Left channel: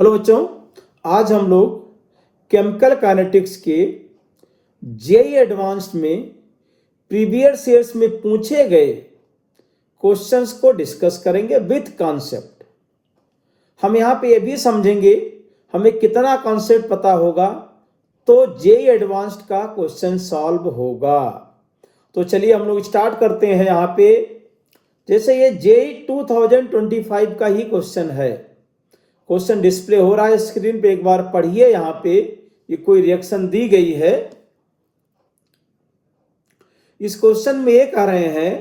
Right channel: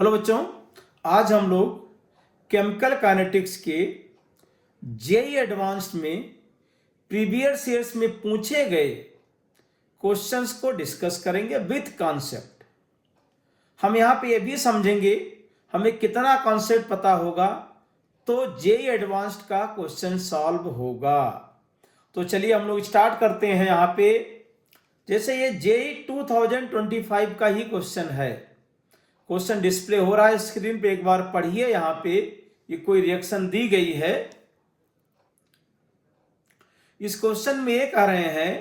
Hello बच्चों, आज हम लोग केमिकल काइनेटिक्स के जेई एडवांस्ड में प्रीवियस ईयर्स में पूछे गए क्वेश्चंस को डिस्कस करेंगे विथ कॉन्सेप्ट। हम यहाँ पे ये भी समझेंगे हमें कितना कॉन्सेप्ट पता होगा तो जेई एडवांस्ड का क्वेश्चन सॉल्व होगा। तो चलिए हम लोग स्टार्ट करते हैं। यहाँ पे जैसे ये जेई 2025 का ही क्वेश्चन है। क्वेश्चन डिस्प्ले हो रहा है स्क्रीन पे, एक बार पढ़िए। यहाँ पे ये कोई रिएक्शन दी गई है। इस क्वेश्चन में ये कह रहे हैं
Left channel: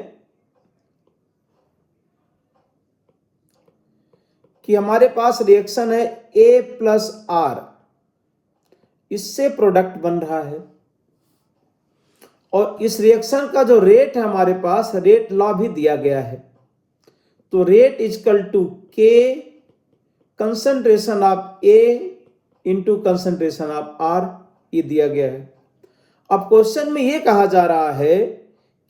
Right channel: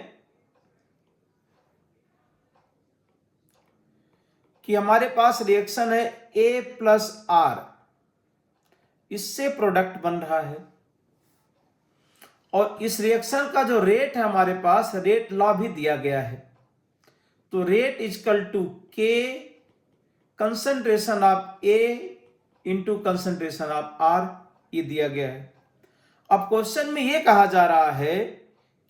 कि हमारे पास रिएक्शन है A प्लस R, इससे प्रोडक्ट बन रहा है और इस रिएक्शन का जो रेट है हमारे पास रेट लॉ भी दिया गया है। तो rate equal to K concentration of A into concentration of R, ये दिया गया है। अब क्वेश्चन में ये कहा जा रहा है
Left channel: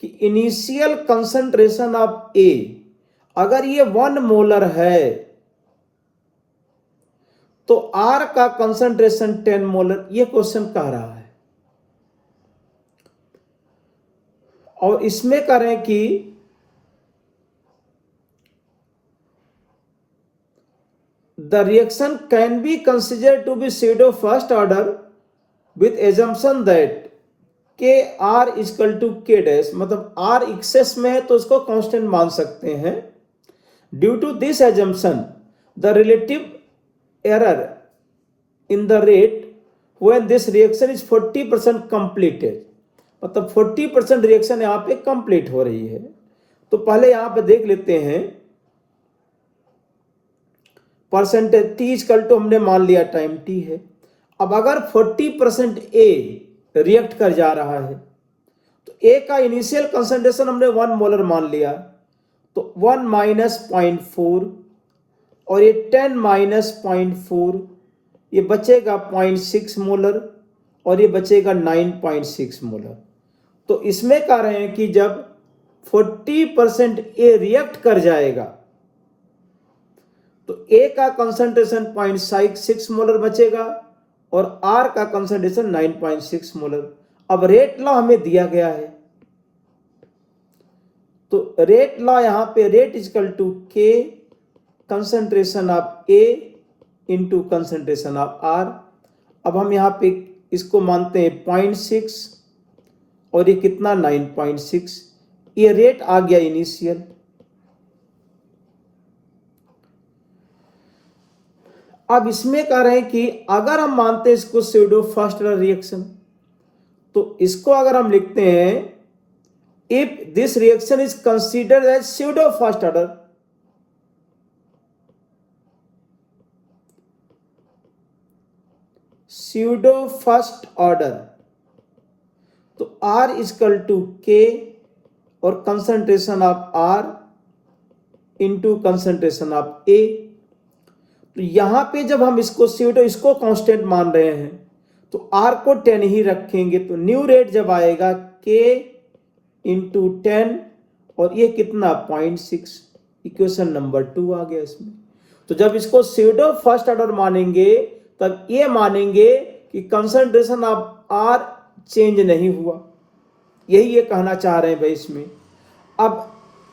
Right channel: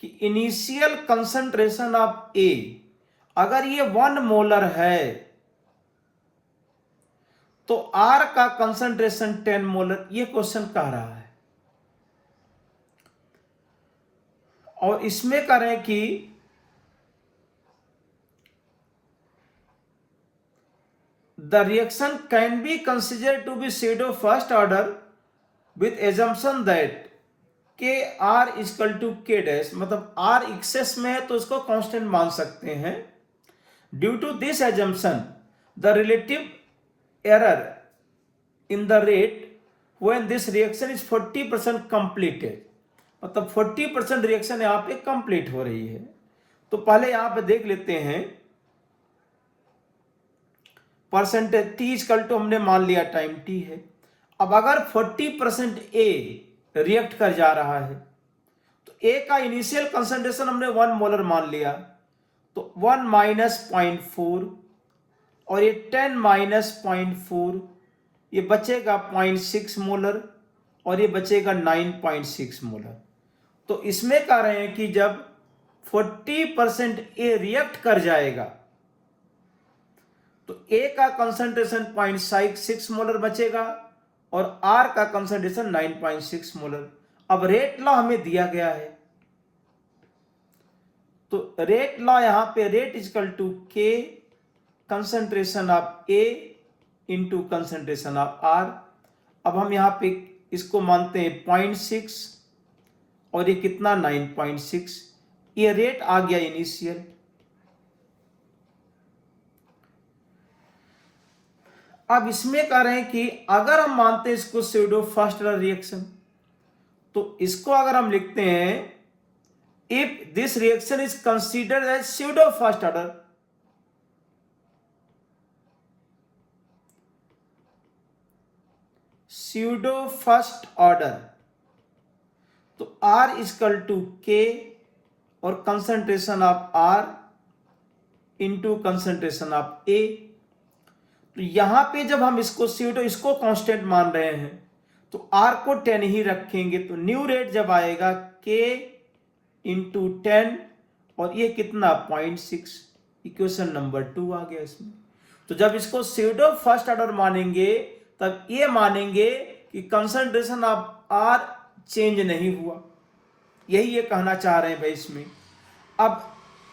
कि इनिशियल कंसंट्रेशन ऑफ A अगर ये 1 मोलर है तो R का कंसंट्रेशन 10 मोलर, ये क्वेश्चन कह रहा है। और इसमें करें कि the reaction can be considered to be pseudo first order with assumption that Kr equal to K dash, मतलब R एक्सेस में है तो उसको कांस्टेंट मान सकते हैं। Due to this assumption the relative error in the rate when this reaction is 40% completed, मतलब 40% reaction यहाँ पे कंप्लीट हो रही है। तो पहले यहाँ पे देख लेते हैं परसेंटेज टी इक्वल टू हमने मान लिया टाइम टी है। अब अगर 40% ए रिएक्ट कर जा रहा है तो ए का इनिशियल कंसंट्रेशन हमने 1 मोलर मान लिया, तो 1 माइनस 0.4 और ये 10 माइनस 0.4, ये बचेगा 0.6 मोलर और ये बचेगा 9.6 मोलर। तो इसमें कह रहे हैं कि जब 40% ए रिएक्ट कर जाएगा तो ए का कंसंट्रेशन 0.6 मोलर बचेगा और आर का कंसंट्रेशन 9.6 मोलर। अब रेट लॉ हमें दिया गया है, तो रेट लॉ यहां पे rate equal to K concentration of A into concentration of R. अब हम यहां पे इसको मानते हैं 0.6 और ये कितना 9.6, ये रेट आ गया इनिशियल। अब इसमें कह रहे हैं कि अगर हम मानते हैं इसको स्यूडो फर्स्ट ऑर्डर रिएक्शन, तो इसको अगर हम लिखते हैं if this reaction is considered as pseudo first order, pseudo first order, तो R इक्वल टू K और concentration of R into concentration of A। तो यहां पे जब हम इसको स्यूडो इसको कांस्टेंट मान रहे हैं तो R को 10 ही रखेंगे, तो न्यू रेट जब आएगा K इंटू 10 और ये कितना 0.6, इक्वेशन नंबर 2 आ गया इसमें। तो जब इसको स्यूडो फर्स्ट ऑर्डर मानेंगे तब ये मानेंगे कि कंसंट्रेशन ऑफ R चेंज नहीं हुआ, यही ये कहना चाह रहे हैं भाई इसमें। अब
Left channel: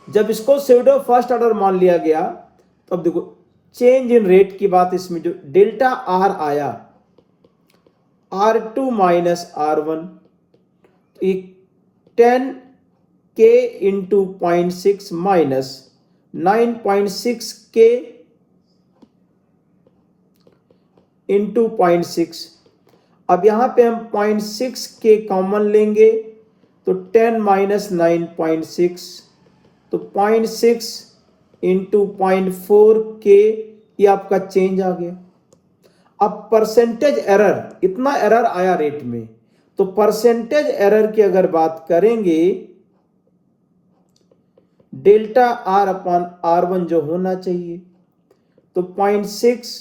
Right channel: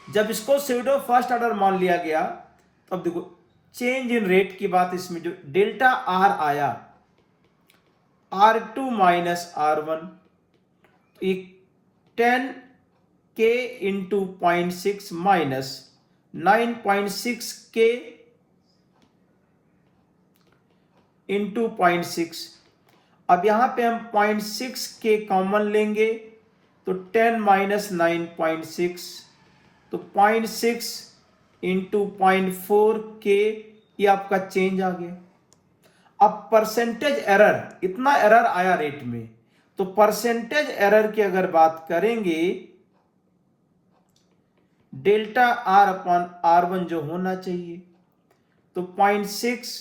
जब इसको स्यूडो फर्स्ट ऑर्डर मान लिया गया तो अब देखो चेंज इन रेट की बात, इसमें जो डेल्टा आर आया R2 minus R1, 10 K into 0.6 minus 9.6 K into 0.6। अब यहां पे हम 0.6 K कॉमन लेंगे तो 10 माइनस 9.6, तो 0.6 इंटू 0.4 K, ये आपका चेंज आ गया। अब परसेंटेज एरर, इतना एरर आया रेट में, तो परसेंटेज एरर की अगर बात करेंगे डेल्टा आर अपॉन R1 जो होना चाहिए, तो 0.6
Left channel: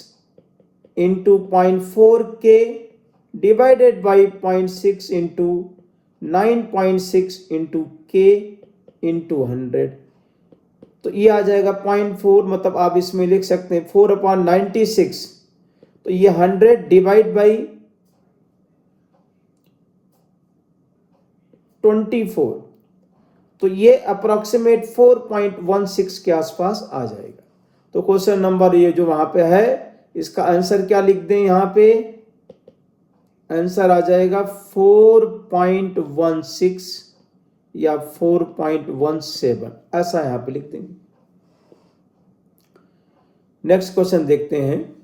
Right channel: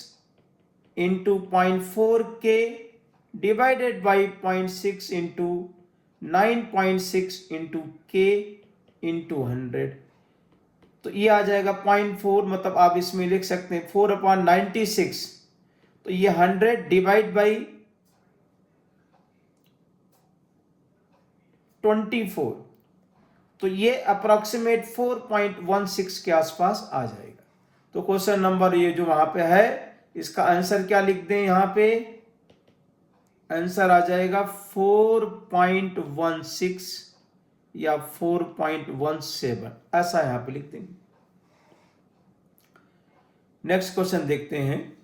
into 0.4 K divided by 0.6 into 9.6 into K into 100, तो ये आ जाएगा 0.4, मतलब आप इसमें लिख सकते हैं 4/96 तो ये 100 डिवाइड बाई 24, तो ये अप्रोक्सीमेट 4.16 के आसपास आ जाएगा। तो क्वेश्चन नंबर ये जो वहां पे है, इसका आंसर क्या लिख दें यहां पे? आंसर आ जाएगा 4.16 या 4.17, ऐसा यहां पे लिख देंगे। नेक्स्ट क्वेश्चन देखते हैं।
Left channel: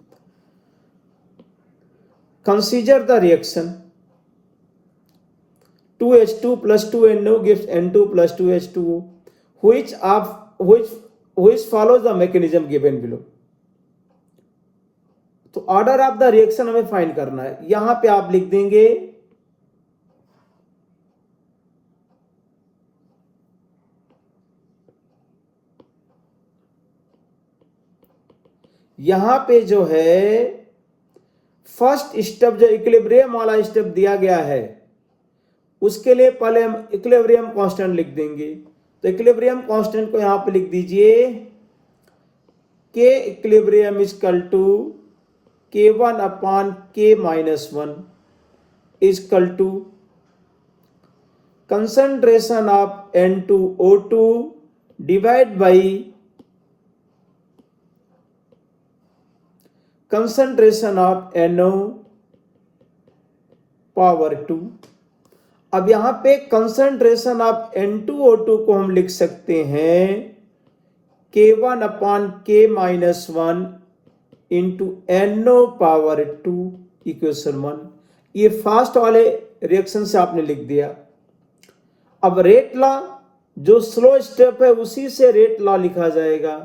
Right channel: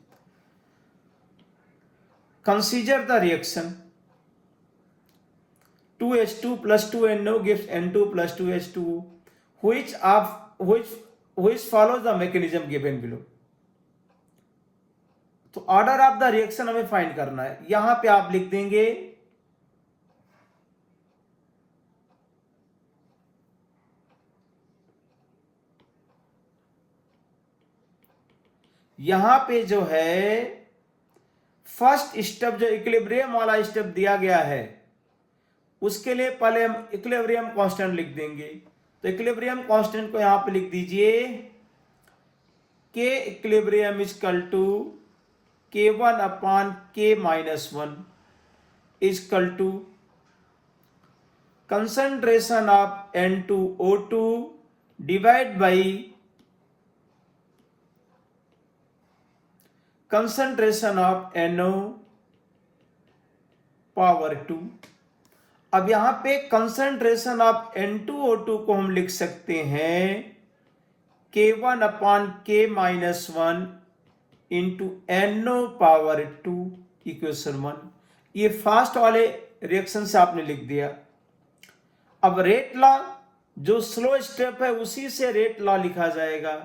Consider the reaction 2H2 plus 2NO gives N2 plus 2H2O. Which follows the mechanism given below? तो ऑर्डर ऑफ द रिएक्शन हमें फाइंड करना है। यहां पे आप लिख देंगे यहां पे जो है फर्स्ट स्टेप जो इक्विलिब्रियम वाला स्टेप दिया गया है, उसके लिए पहले हम इक्विलिब्रियम कांस्टेंट लिख देंगे। तो इक्विलिब्रियम कांस्टेंट को यहां पे लिख दीजिए K equilibrium equal to K1 upon K-1 equal to concentration of N2O2 divide by concentration of NO power 2। अब यहां पे कंसंट्रेशन ऑफ N2O2 को हम लिख सकते हैं K1 upon K-1 into NO power 2 equation 1। ये फास्ट वाले रिएक्शन से आपने लिख दिया। अब रेट लॉ, जो स्लो स्टेप है उसी से रेट लॉ लिखा जाएगा।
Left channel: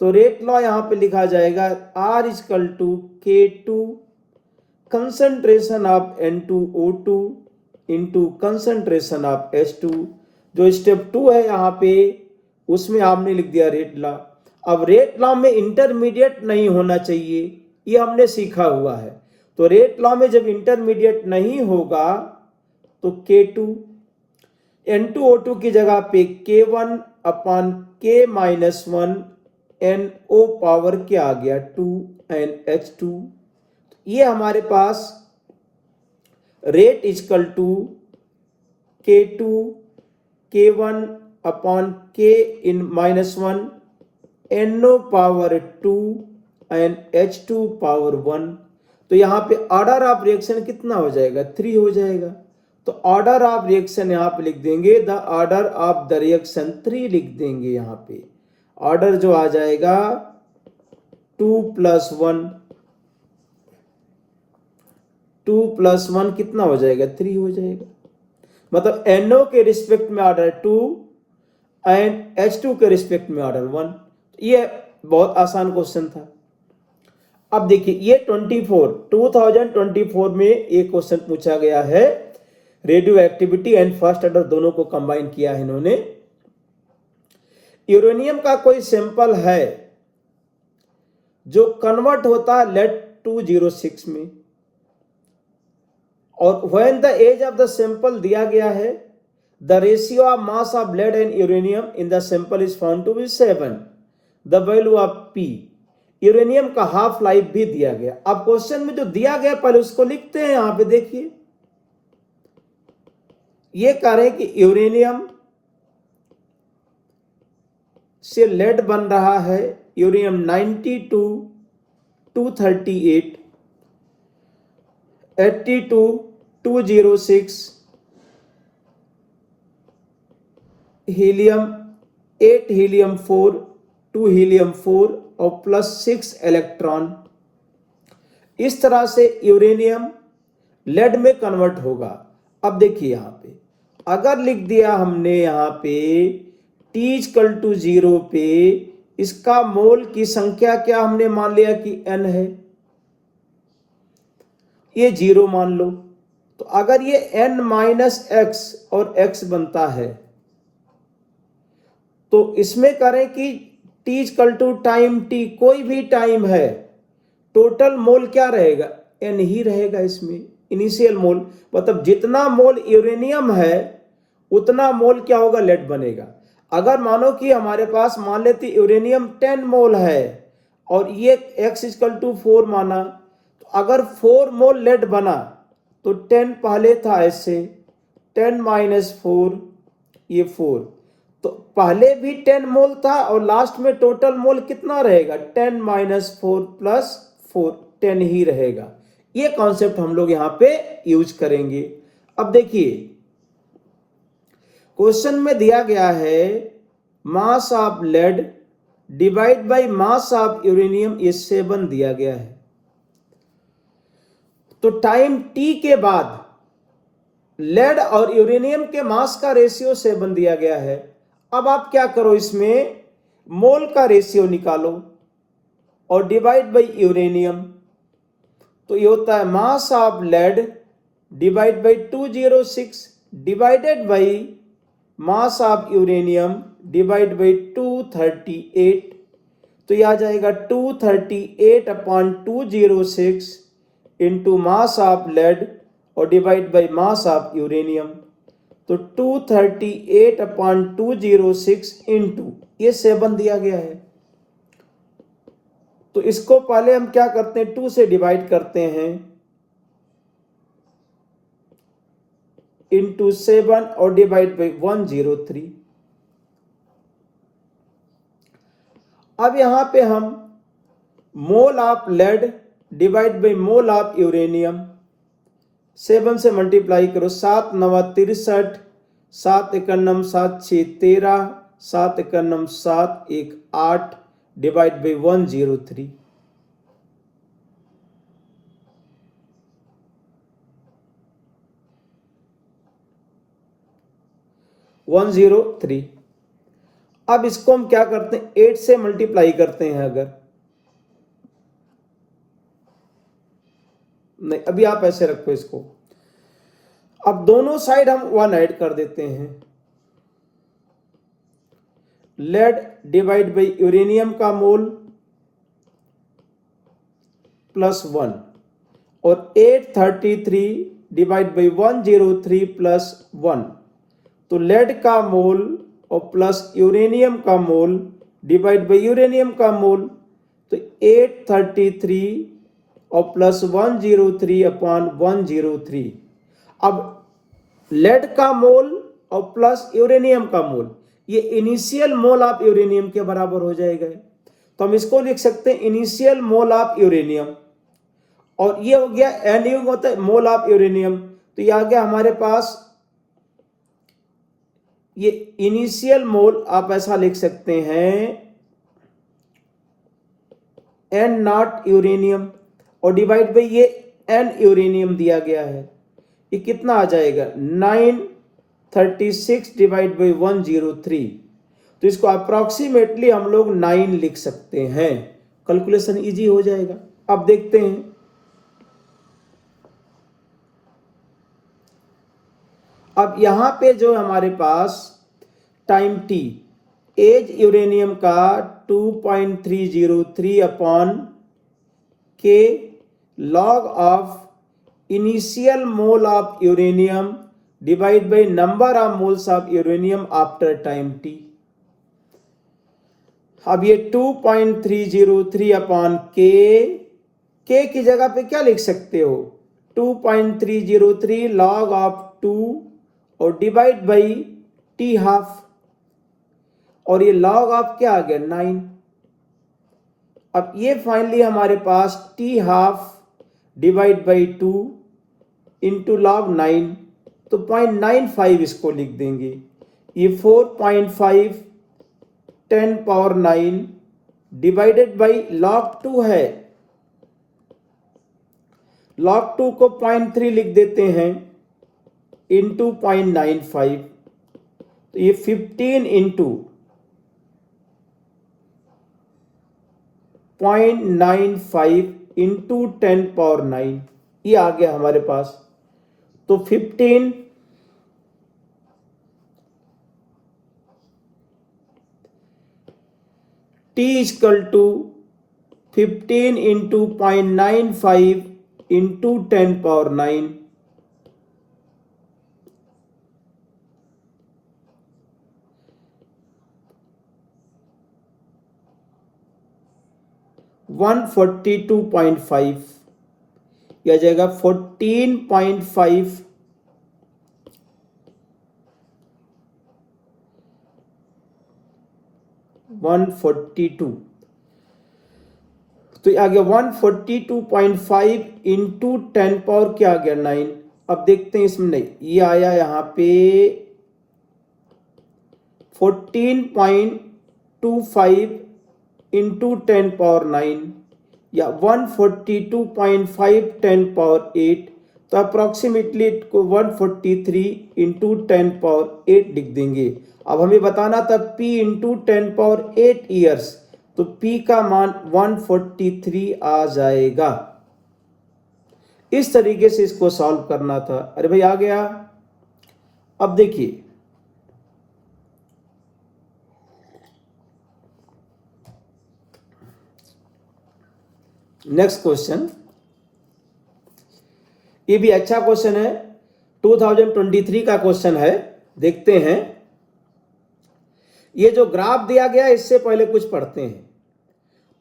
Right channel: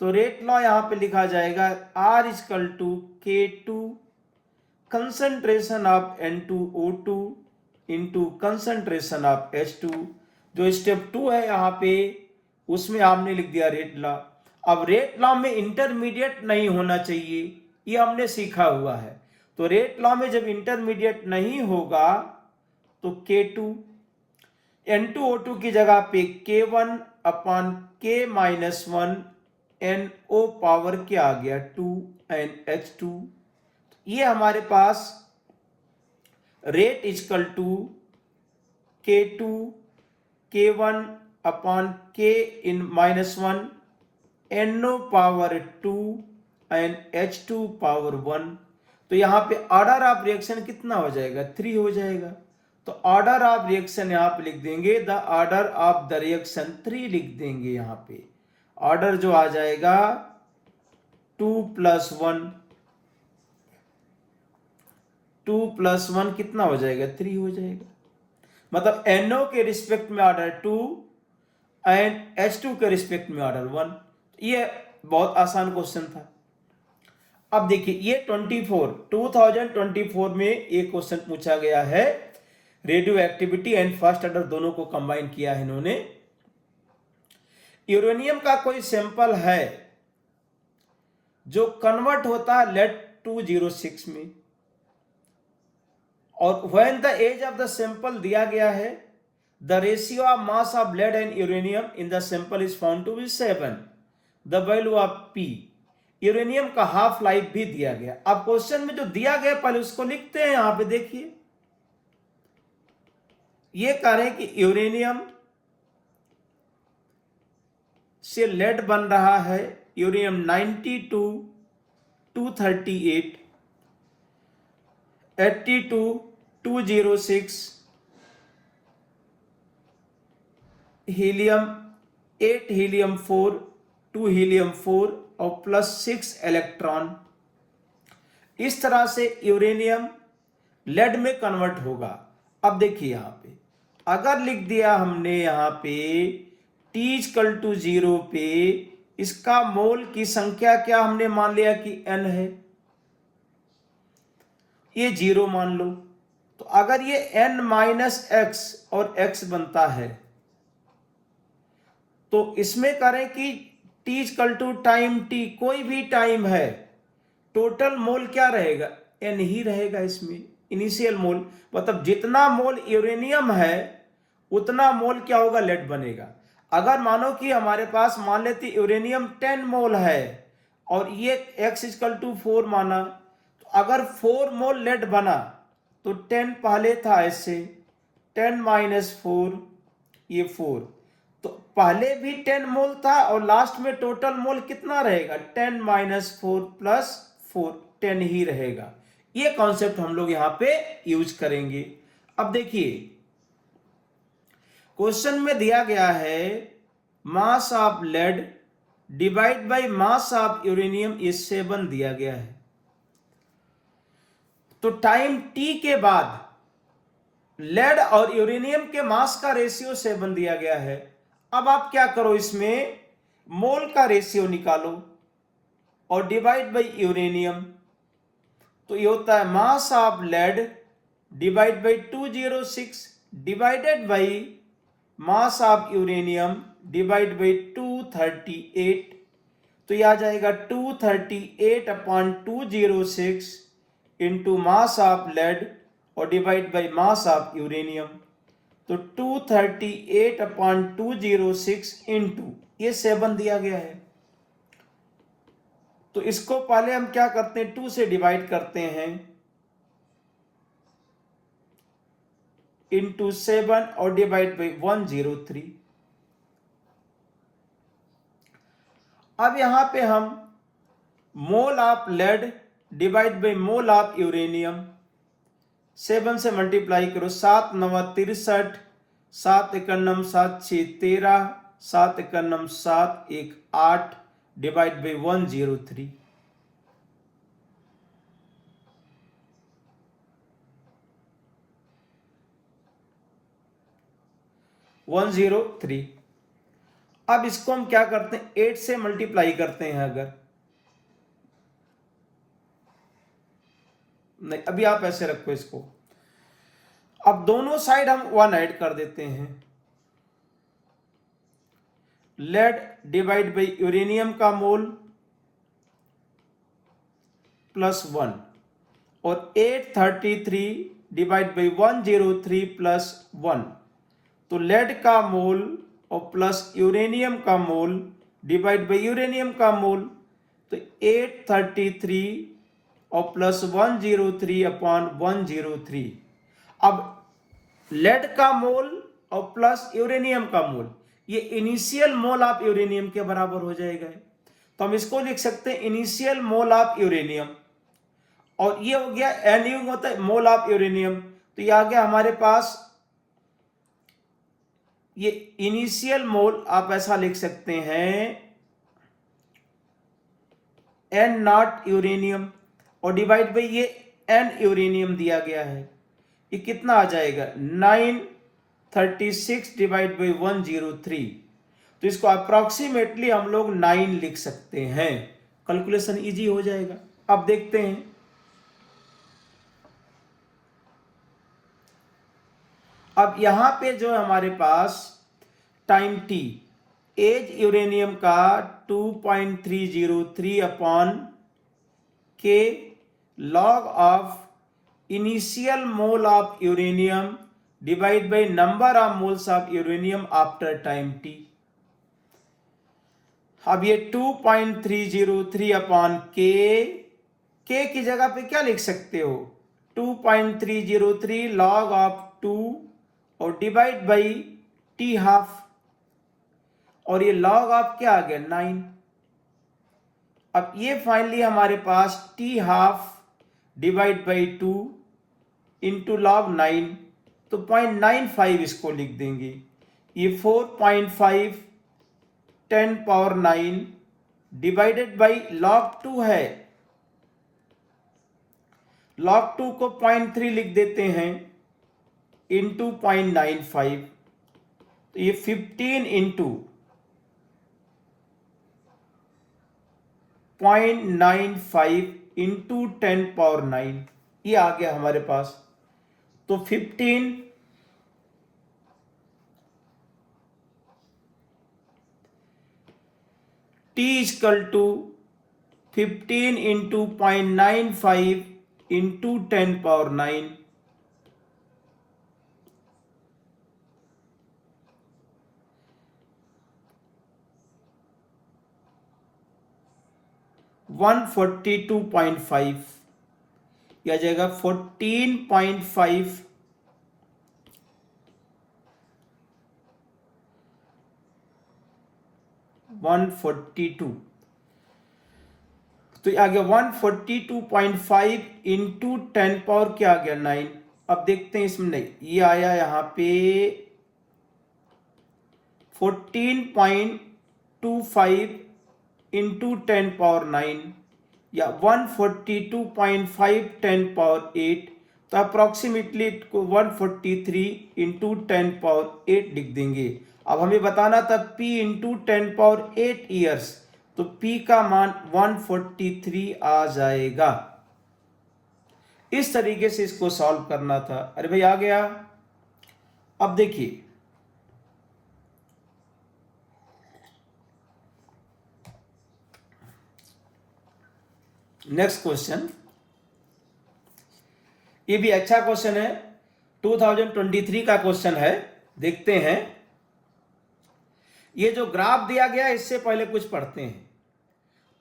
तो रेट लॉ यहां पे लिखा जाएगा R equal to K2 concentration of N2O2 into concentration of H2। जो स्टेप 2 है यहां पे, उसमें आपने लिख दिया रेट लॉ। अब रेट लॉ में इंटरमीडिएट नहीं होना चाहिए, ये हमने सीखा हुआ है। तो रेट लॉ में जब इंटरमीडिएट नहीं होगा तो K2 N2O2 की जगह पे K1 upon K-1 NO power क्या आ गया 2 NH2। ये हमारे पास rate equal to K2 K1 upon K-1 NO power 2 and H2 power 1। तो यहां पे ऑर्डर ऑफ रिएक्शन कितना हो जाएगा? 3 हो जाएगा। तो ऑर्डर ऑफ रिएक्शन यहां पे लिख देंगे, the order of the reaction 3 लिख देंगे। यहां पे ऑर्डर जो आ जाएगा 2 + 1, 2 + 1 कितना हो जाएगा? 3 हो जाएगा। मतलब NO के रिस्पेक्ट में ऑर्डर 2 एंड H2 के रिस्पेक्ट में ऑर्डर 1। ये बहुत आसान क्वेश्चन था। अब देखिए ये 2024 में एक क्वेश्चन पूछा गया है, radio activity and first order दोनों को कंबाइन किया है इन्होंने। यूरेनियम का कोई सैंपल है जो कन्वर्ट होता है लेड 206 में, और when the age of the sample दिया गया है, the ratio of mass of lead and uranium in the sample is found to be 7। The value of P, uranium का हाफ लाइफ भी दिया गया। अब क्वेश्चन में जो दिया गया पहले उसको लिखते हैं। यहां पे देखिए ये कह रहे हैं कि यूरेनियम से लेड बन रहा है, यूरेनियम 92 238 82 206 हीलियम 8 हीलियम 4 2 हीलियम 4 और +6 इलेक्ट्रॉन। इस तरह से यूरेनियम लेड में कन्वर्ट होगा। अब देखिए यहां पे अगर लिख दिया हमने यहां पे T = 0 पे इसका मोल की संख्या क्या हमने मान लिया कि N है, ये 0 मान लो। तो अगर ये N - X और X बनता है तो इसमें करें कि T = टाइम T, कोई भी टाइम है, टोटल मोल क्या रहेगा? N ही रहेगा। इसमें इनिशियल मोल मतलब जितना मोल यूरेनियम है उतना मोल क्या होगा? लेड बनेगा। अगर मानो कि हमारे पास मान लेते यूरेनियम 10 मोल है और ये X = 4 माना, तो अगर 4 मोल लेड बना तो 10 पहले था ऐसे, 10 माइनस 4 ये 4, तो पहले भी 10 मोल था और लास्ट में टोटल मोल कितना रहेगा, 10 माइनस 4 प्लस 4, 10 ही रहेगा। ये कॉन्सेप्ट हम लोग यहां पे यूज करेंगे। अब देखिए क्वेश्चन में दिया गया है mass of lead divide by mass of uranium, ये 7 दिया गया है। तो टाइम t के बाद लेड और यूरेनियम के मास का रेशियो 7 दिया गया है। अब आप क्या करो, इसमें मोल का रेशियो निकालो और डिवाइड बाय यूरेनियम, तो ये होता है mass of lead divide by 206 divided by mass of uranium divide by 238, तो ये आ जाएगा 238 upon 206 into mass of lead और divide by mass of uranium, तो 238 अपॉन 206 इंटू ये 7 दिया गया है। तो इसको पहले हम क्या करते हैं, 2 से डिवाइड करते हैं इंटू 7 और डिवाइड बाई 103। अब यहां पे हम mole of lead divide by mole of uranium 7 से मल्टीप्लाई करो, 7 9 63, 7 1 9 7 6 13, 7 1 9 7 1 8 डिवाइड बाई 103। अब इसको हम क्या करते हैं, 8 से मल्टीप्लाई करते हैं। अगर नहीं, अभी आप ऐसे रखो इसको, अब दोनों साइड हम 1 ऐड कर देते हैं। लेड डिवाइड बाई यूरेनियम का मोल प्लस 1 और 833 डिवाइड बाई 103 प्लस 1, तो लेड का मोल और प्लस यूरेनियम का मोल डिवाइड बाई यूरेनियम का मोल, तो 833 और प्लस 103 अपॉन 103। अब लेड का मोल और प्लस यूरेनियम का मोल, ये इनिशियल मोल ऑफ यूरेनियम के बराबर हो जाएगा। तो हम इसको लिख सकते हैं इनिशियल मोल ऑफ यूरेनियम, और ये हो गया एनयू होता है मोल ऑफ यूरेनियम, तो ये आ गया हमारे पास ये इनिशियल मोल, आप ऐसा लिख सकते हैं एन नॉट यूरेनियम और डिवाइड बाई ये एन यूरेनियम दिया गया है, ये कितना आ जाएगा 936 डिवाइड बाई 103। तो इसको अप्रोक्सीमेटली हम लोग 9 लिख सकते हैं, कैलकुलेशन इजी हो जाएगा। अब देखते हैं, अब यहां पे जो हमारे पास टाइम टी, एज यूरेनियम का 2.303 अपॉन के log of initial mole of uranium divide by number of moles of uranium after time T. अब ये 2.303 अपॉन के की जगह पे क्या लिख सकते हो, 2.303 लॉग ऑफ 2 और डिवाइड बाई टी हाफ, और ये लॉग ऑफ क्या आ गया 9। अब ये फाइनली हमारे पास T half divide by 2 into log 9, तो 0.95 इसको लिख देंगे। ये 4.5 10 पावर 9 डिवाइडेड बाई लॉग 2 है, लॉग 2 को 0.3 लिख देते हैं इंटू 0.95, तो ये 15 इंटू 0.95 इंटू 10 पावर 9, ये आ गया हमारे पास। तो 15 T equal to 15 into 0.95 into 10 power 9, 142.5। यह आ जाएगा 14.5 142, तो ये आ गया 142.5 इंटू 10 पावर क्या आ गया 9। अब देखते हैं इसमें, नहीं ये आया यहाँ पे 14.25 इंटू 10 पावर 9 या 142.5 10 पावर 8, तो अप्रोक्सीमेटली को 143 इंटू 10 पावर 8 लिख देंगे। अब हमें बताना था P इंटू 10 पावर 8 ईयर्स, तो P का मान 143 आ जाएगा। इस तरीके से इसको सॉल्व करना था। अरे भाई आ गया। अब देखिए नेक्स्ट क्वेश्चन, ये भी अच्छा क्वेश्चन है, 2023 का क्वेश्चन है। देखते हैं, ये जो ग्राफ दिया गया है इससे पहले कुछ पढ़ते हैं।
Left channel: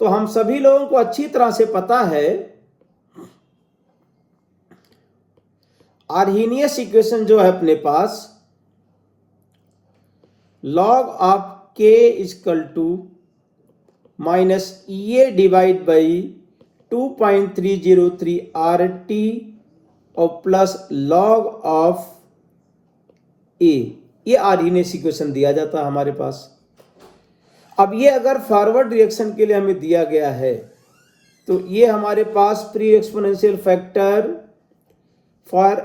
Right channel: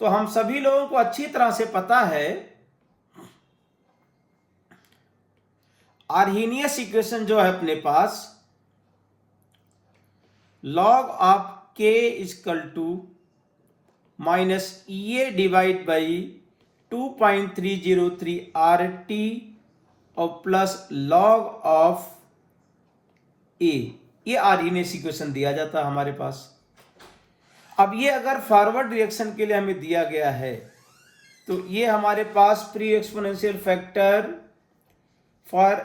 तो हम सभी लोगों को अच्छी तरह से पता है आर्हीनियस इक्वेशन जो है अपने पास, log of k equal to minus A divide by 2.303 RT और प्लस log ऑफ a, ये आर्हीनियस इक्वेशन दिया जाता है हमारे पास। अब ये अगर फॉरवर्ड रिएक्शन के लिए हमें दिया गया है, तो ये हमारे पास pre exponential factor for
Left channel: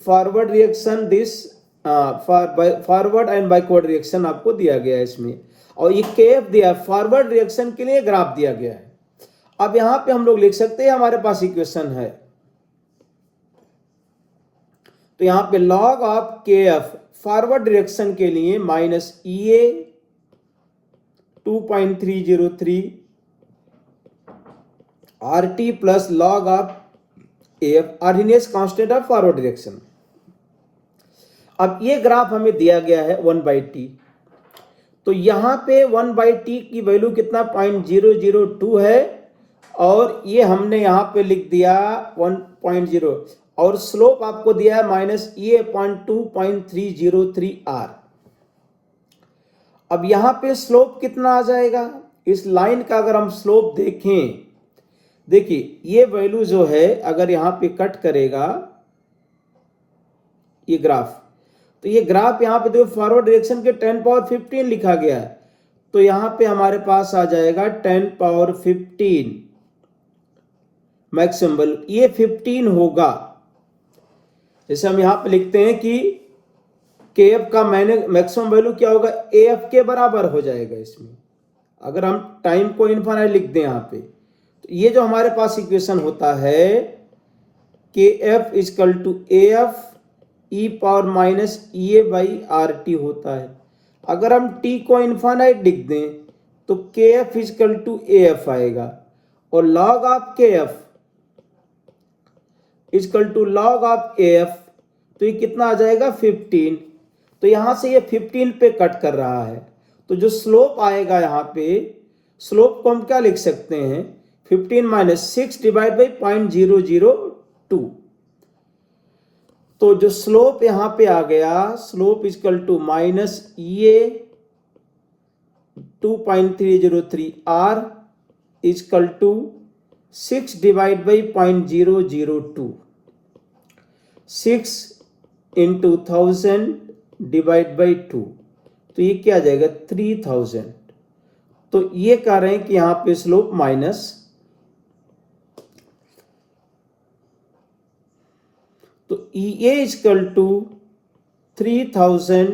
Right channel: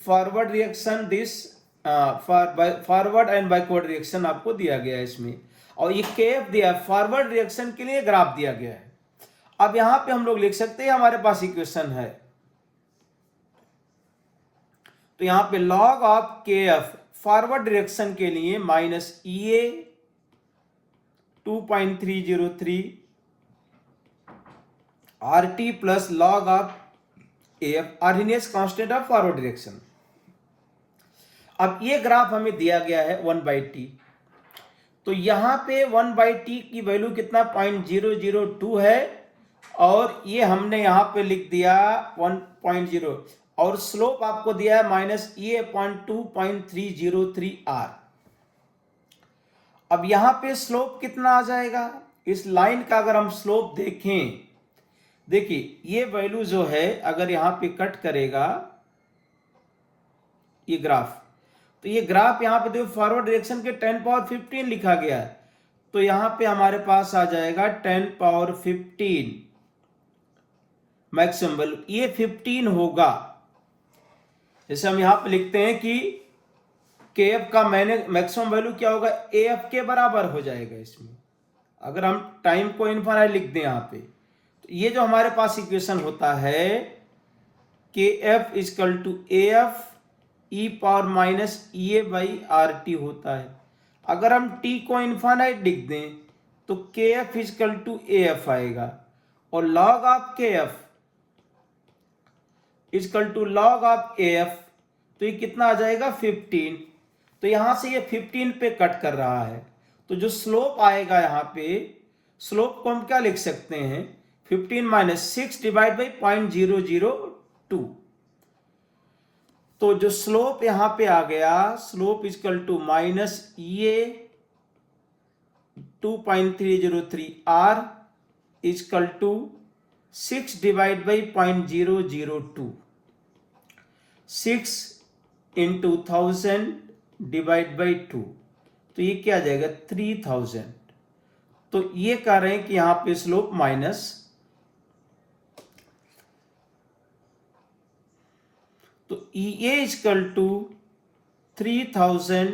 forward reaction this forward and backward reaction आपको दिया गया है इसमें, और ये केएफ दिया है, फॉरवर्ड रिएक्शन के लिए ग्राफ दिया गया है। अब यहां पे हम लोग लिख सकते हैं, हमारे पास इक्वेशन है, तो यहां पे log of KF forward direction के लिए minus EA 2.303 RT plus log of AF Arrhenius constant of forward direction. अब ये ग्राफ हमें दिया गया है 1/t, तो यहां पे 1/t की वैल्यू कितना 0.002 है, और ये हमने यहां पे लिख दिया 1.0, और स्लोप आपको दिया है माइनस -2.303 R। अब यहां पे स्लोप कितना आ जाएगा, इस लाइन का अगर हम स्लोप देखें, देखिए ये वैल्यू जो है अगर यहां पे कट करेगा ये ग्राफ, तो ये ग्राफ यहां पे देखो फॉरवर्ड डायरेक्शन के 10 पावर 15 लिखा गया है, तो यहां पे हमारे पास आ जाएगा 10 पावर 15 मैक्सिमम वैल्यू, ये 15 होगा। जैसे हम यहां पे लिखते हैं कि केएफ का मैक्सिमम वैल्यू क्या होगा, एएफ के बराबर हो जाएगा इसमें, अगर हम टाइम को इनफाइनाइट लिख दें यहां पे, तो ये जो हमारे पास इक्वेशन होता है KF equal to AF e power minus A by R T होता है। अगर हम टी को इनफाइनाइट लिख दें तो केएफ इक्वल टू एएफ आएगा, और log of KF equal to log of AF, तो ये कितना आ जाएगा 15। तो यहां से ये 15 पे कट कर रहा है, तो जो स्लोप आएगा यहां पे, स्लोप को हम क्या लिख सकते हैं 15 माइनस 6 डिवाइड बाई 0.002, तो जो स्लोप यहां पे आ गया, स्लोप इक्वल टू माइनस ये 2.303 R equal to 6 divide by 0.002, 6 into 1000 divide by 2, तो ये क्या आ जाएगा 3000। तो ये कह रहे हैं कि यहां पे स्लोप माइनस, तो EA equal to 3000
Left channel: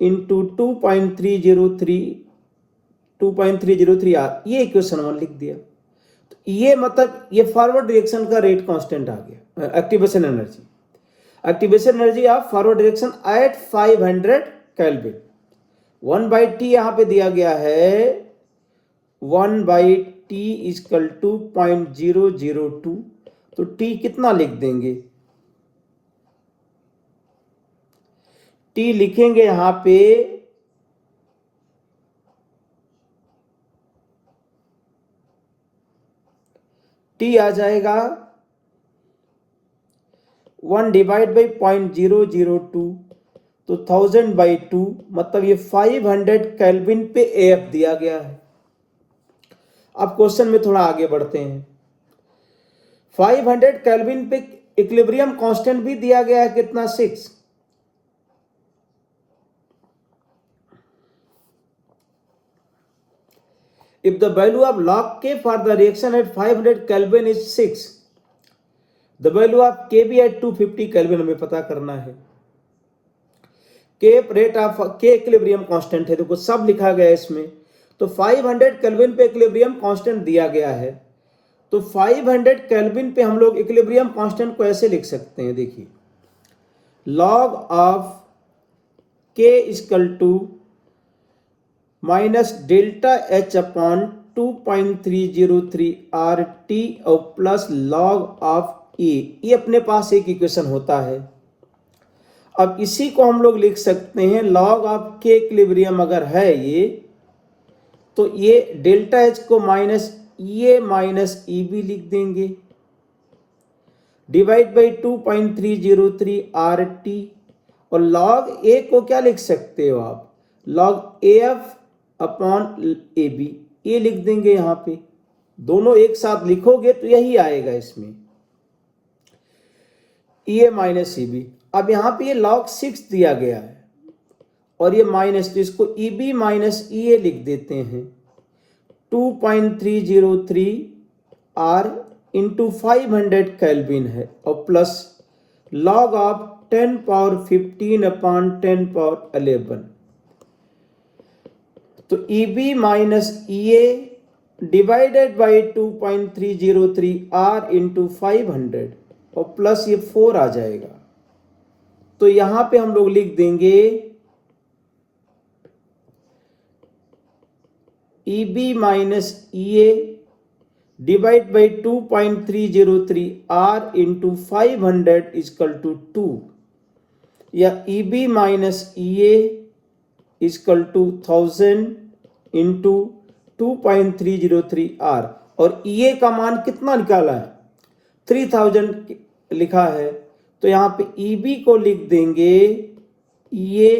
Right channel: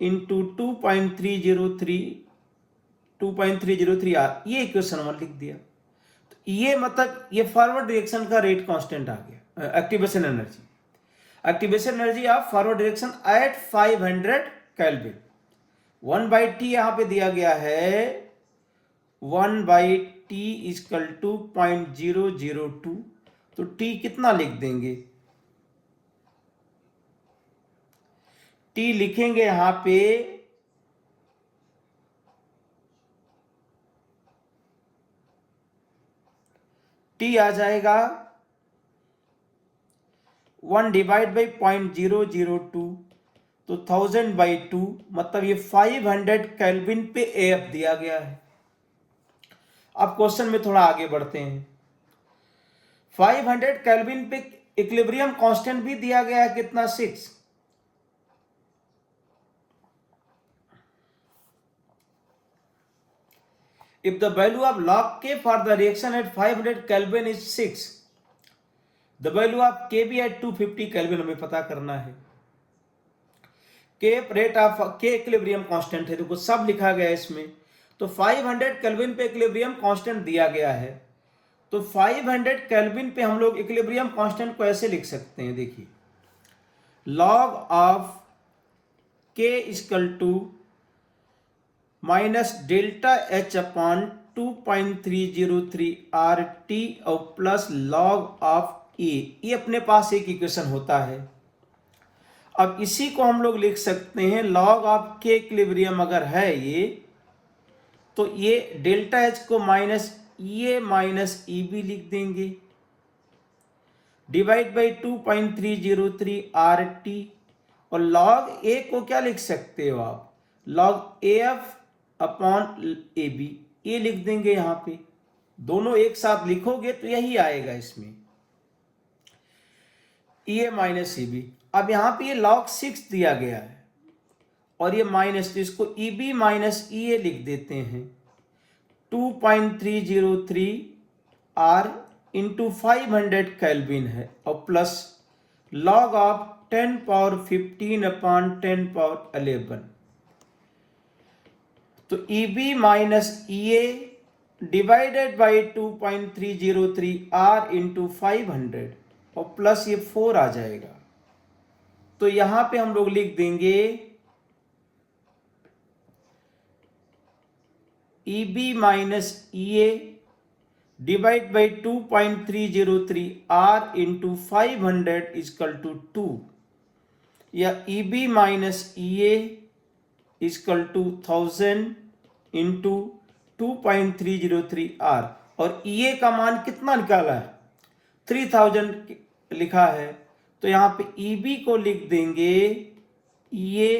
into 2.303 R, ये इक्वेशन 1 लिख दिया। तो ये मतलब ये फॉरवर्ड डायरेक्शन का रेट कांस्टेंट आ गया, activation energy, activation energy of forward direction at 500 kelvin. 1/t यहां पे दिया गया है 1/t इक्वल टू 0.002, तो t कितना लिख देंगे, t लिखेंगे यहां पे t आ जाएगा 1 डिवाइड बाई 0.002, तो 1000/2, मतलब ये 500 केल्विन पे AF दिया गया है। अब क्वेश्चन में थोड़ा आगे बढ़ते हैं। 500 केल्विन पे इक्विलिब्रियम कांस्टेंट भी दिया गया है, कितना? 6। If the value of log K for the reaction at 500 Kelvin is 6, the value of Kb at 250 Kelvin हमें पता करना है। K rate of K equilibrium constant है, देखो सब लिखा गया है इसमें। तो 500 केल्विन पे इक्विलिब्रियम कांस्टेंट दिया गया है, तो 500 केल्विन पे हम लोग इक्विलिब्रियम कांस्टेंट को ऐसे लिख सकते हैं, देखिए log of K equal to minus delta H upon 2.303 RT और प्लस लॉग ऑफ E। ये अपने पास एक इक्वेशन होता है। अब इसी को हम लोग लिख सकते हैं लॉग ऑफ K इक्विलिब्रियम अगर है ये, तो ये डेल्टा H को माइनस E भी लिख देंगे, डिवाइड बाई 2.303 RT, और लॉग A को क्या लिख सकते हो आप? लॉग AF अपॉन AB, ये लिख देंगे यहां पे। दोनों एक साथ लिखोगे तो यही आएगा इसमें, EA माइनस EB। अब यहां पे ये log 6 दिया गया है और ये माइनस, तो इसको EB माइनस EA लिख देते हैं। 2.303 R इंटू 500 केल्विन है और plus log of 10 power 15 upon 10 power 11। तो EB minus EA divided by 2.303 R into 500 और प्लस ये 4 आ जाएगा। तो यहां पे हम लोग लिख देंगे EB minus EA divide by 2.303 R into 500 equal to 2, या EB minus EA equal to 1000 into 2.303 R, और EA का मान कितना निकाला है? 3000 लिखा है, तो यहां पे EB को लिख देंगे EA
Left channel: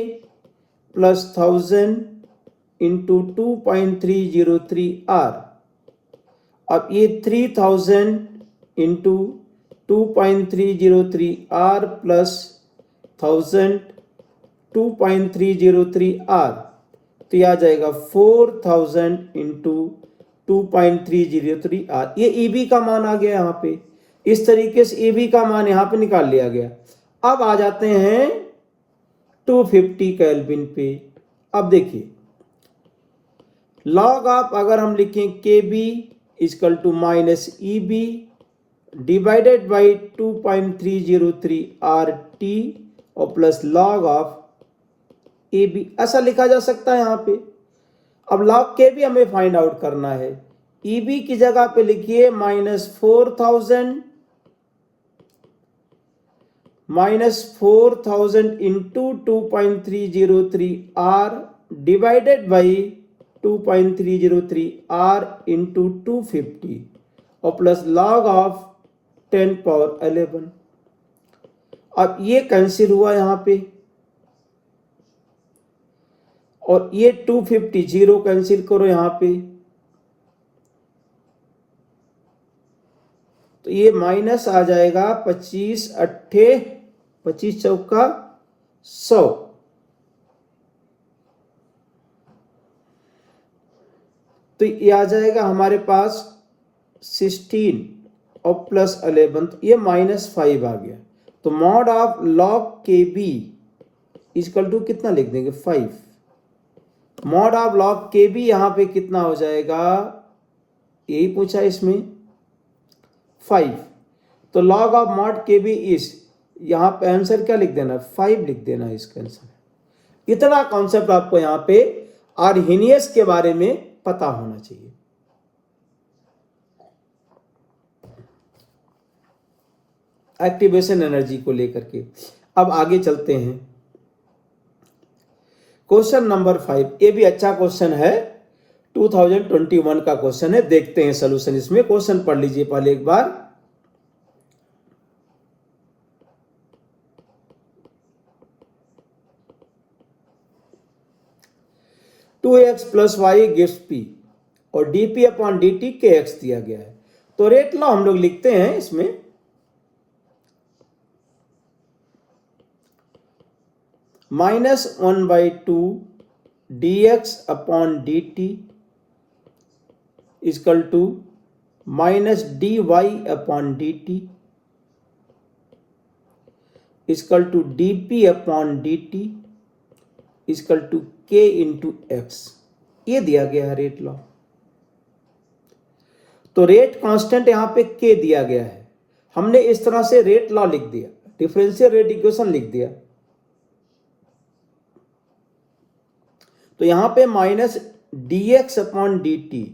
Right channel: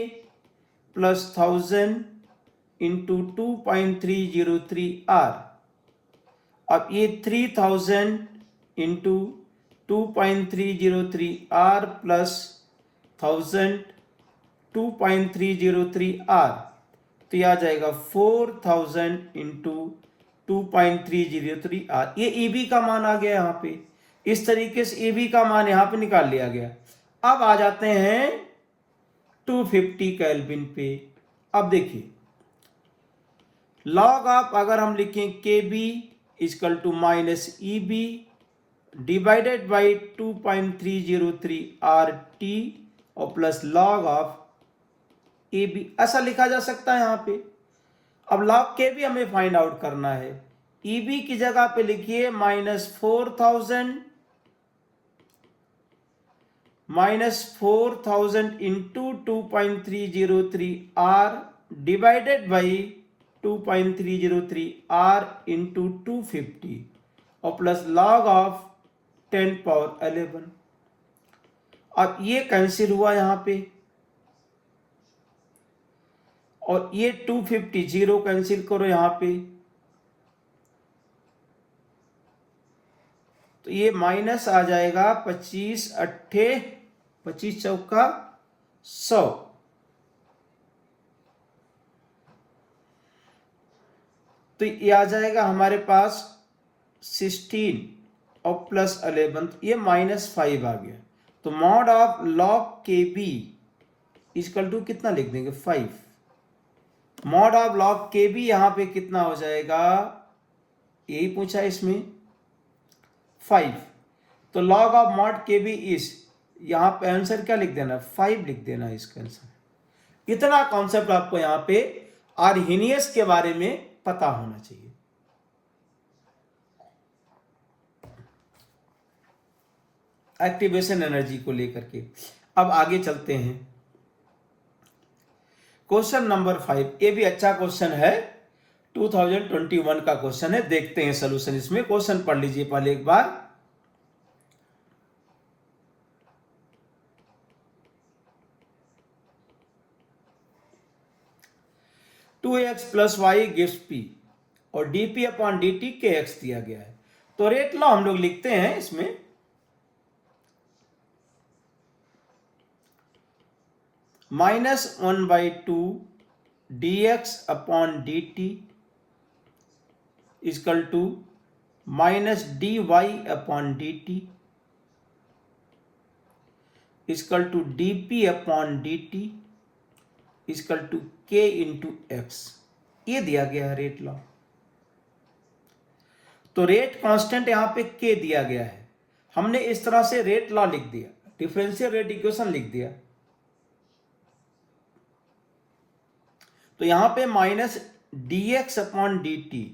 प्लस 1000 इंटू 2.303 R। अब ये 3000 इंटू 2.303 R प्लस 1000 2.303 R, तो यह आ जाएगा 4000 इंटू 2.303 R। ये EB का मान आ गया यहाँ पे। इस तरीके से EB का मान यहाँ पे निकाल लिया गया। अब आ जाते हैं 250 केल्विन पे। अब देखिए लॉग ऑफ, अगर हम लिखें KB equal to minus EB divided by 2.303 RT और प्लस लॉग ऑफ AB, ऐसा लिखा जा सकता है यहाँ पे। अब लॉग KB हमें फाइंड आउट करना है। EB की जगह पे लिखिए -4000 into 2.303 R divided by 2.303 R into 250 और प्लस लॉग ऑफ 10 पावर 11। अब ये कैंसिल हुआ यहाँ पे, और ये 250 जीरो कैंसिल करो यहां पे, तो ये माइनस आ जाएगा 25 चौका 100। तो ये आ जाएगा हमारे पास 16 और प्लस 11, तो ये -5 आ गया। तो mod of log KB equal to कितना लिख देंगे? 5। मॉड ऑफ लॉग KB यहां पे कितना हो जाएगा? यही पूछा इसमें 5। तो log of mod KB is, यहां पे आंसर क्या लिख देना? 5 लिख देना इसका आंसर। इतना कॉन्सेप्ट आपको यहां पे आर्हेनियस के बारे में पता होना चाहिए। एक्टिवेशन एनर्जी को लेकर के। अब आगे चलते हैं, क्वेश्चन नंबर 5। ये भी अच्छा क्वेश्चन है, 2021 का क्वेश्चन है। देखते हैं सॉल्यूशन इसमें। क्वेश्चन पढ़ लीजिए पहले एक बार। 2x plus y gives p और dp अपॉन dt kx दिया गया है। तो रेट लॉ हम लोग लिखते हैं इसमें, -1/2 dx upon dt equal to -dy upon dt equal to dp upon dt equal to k into x. ये दिया गया है रेट लॉ। तो रेट कांस्टेंट यहां पे k दिया गया है, हमने इस तरह से रेट लॉ लिख दिया, डिफरेंशियल रेट इक्वेशन लिख दिया। तो यहां पे माइनस dx अपॉन dt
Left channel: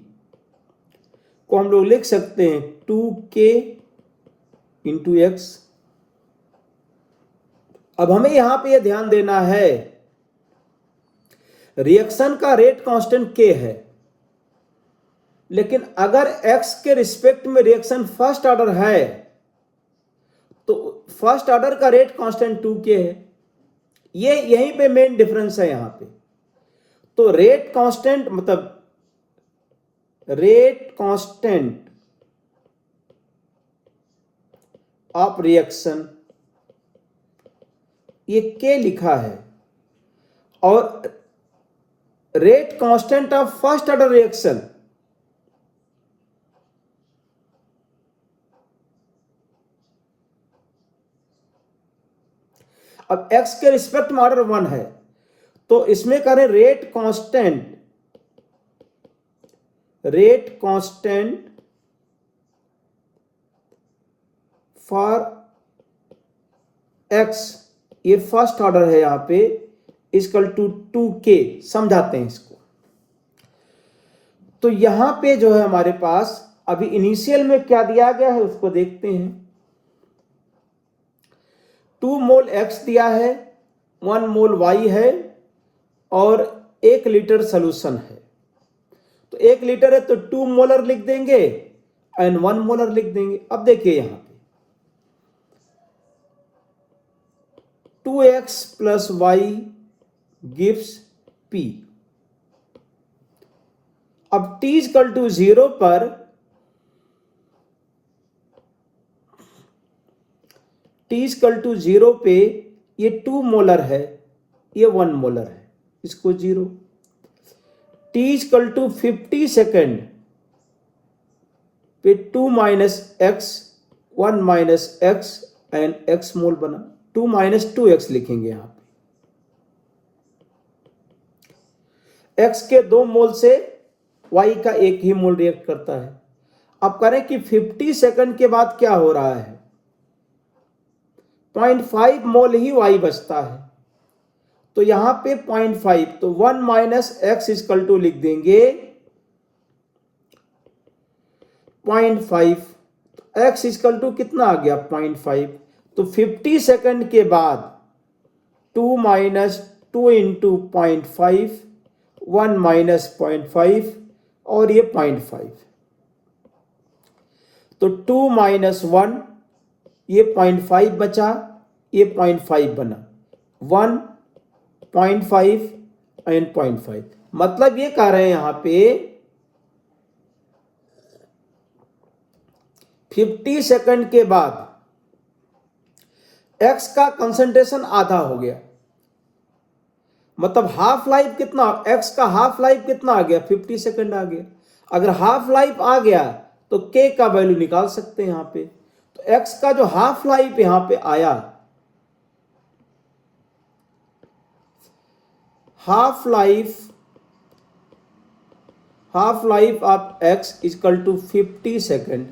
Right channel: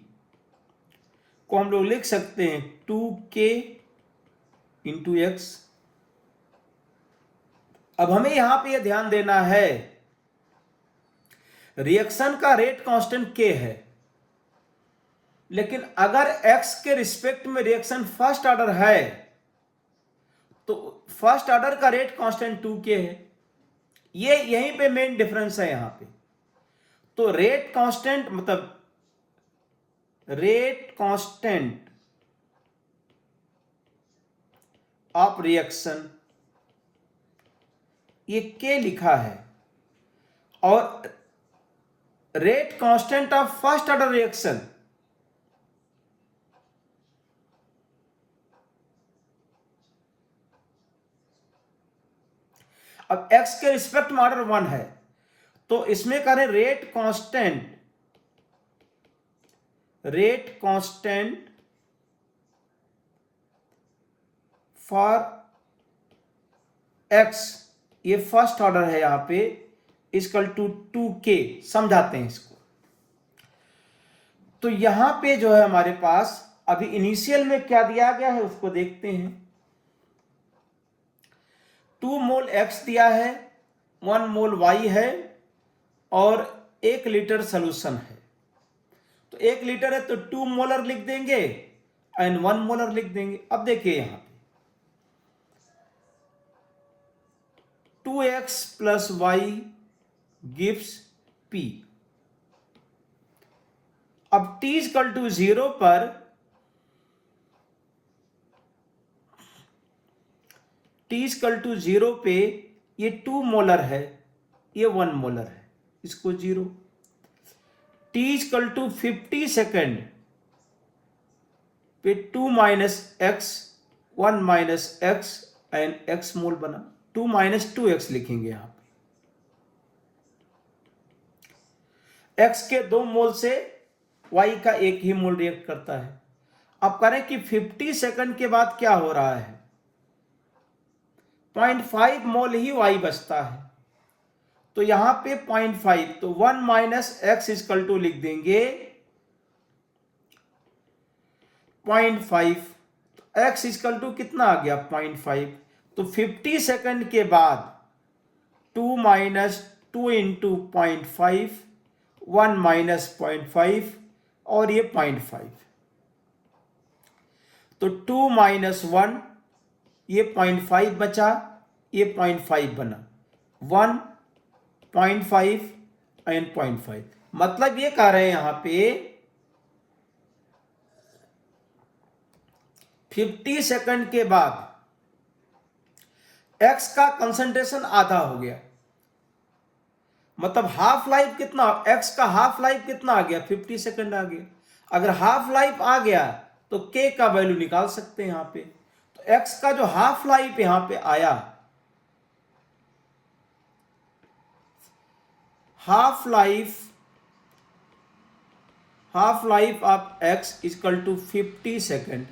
को हम लोग लिख सकते हैं 2k इंटू एक्स। अब हमें यहां पे यह ध्यान देना है, रिएक्शन का रेट कांस्टेंट k है, लेकिन अगर x के रिस्पेक्ट में रिएक्शन फर्स्ट ऑर्डर है तो फर्स्ट ऑर्डर का रेट कांस्टेंट 2k है। ये यहीं पे मेन डिफरेंस है यहां पे। तो रेट कांस्टेंट मतलब रेट कांस्टेंट ऑफ रिएक्शन ये k लिखा है, और rate constant of first order reaction अब x के रिस्पेक्ट में ऑर्डर 1 है, तो इसमें करें रेट कांस्टेंट फॉर x, ये फर्स्ट ऑर्डर है यहां पे, इक्वल टू 2k। समझाते हैं इसको। तो यहां पे जो है हमारे पास अभी इनिशियल में क्या दिया गया है उसको देखते हैं। 2 मोल x दिया है, 1 मोल y है और 1 लीटर सोल्यूशन है। तो 1 लीटर है तो 2 मोलर लिख देंगे एंड 1 मोलर लिख देंगे। अब देखिए यहां पे 2x plus y gives p। अब t इक्वल टू 0 पर t इक्वल टू 0 पे ये 2 मोलर है, ये 1 मोलर है, इसको 0। t इक्वल टू 50 सेकेंड पे 2 minus x 1 minus x and x मोल बना, 2 माइनस 2x लिखेंगे यहां पे। x के 2 मोल से y का 1 ही मोल रिएक्ट करता है। अब करें कि 50 सेकंड के बाद क्या हो रहा है, 0.5 मोल ही y बचता है। तो यहां पे 0.5, तो 1 माइनस एक्स इक्वल टू लिख देंगे 0.5। x इक्वल टू कितना आ गया 0.5। तो 50 सेकंड के बाद 2 माइनस 2 इंटू 0.5, 1 माइनस 0.5 और ये 0.5। तो 2 माइनस 1, ये 0.5 बचा, ये 0.5 बना, 1 0.5 एंड 0.5। मतलब ये कह रहे हैं यहां पे 50 सेकंड के बाद x का कंसंट्रेशन आधा हो गया। मतलब हाफ लाइफ कितना, x का हाफ लाइफ कितना आ गया 50 सेकंड आ गया। अगर हाफ लाइफ आ गया तो k का वैल्यू निकाल सकते हैं यहां पे। तो x का जो हाफ लाइफ यहां पे आया, half life of x equal to 50 second.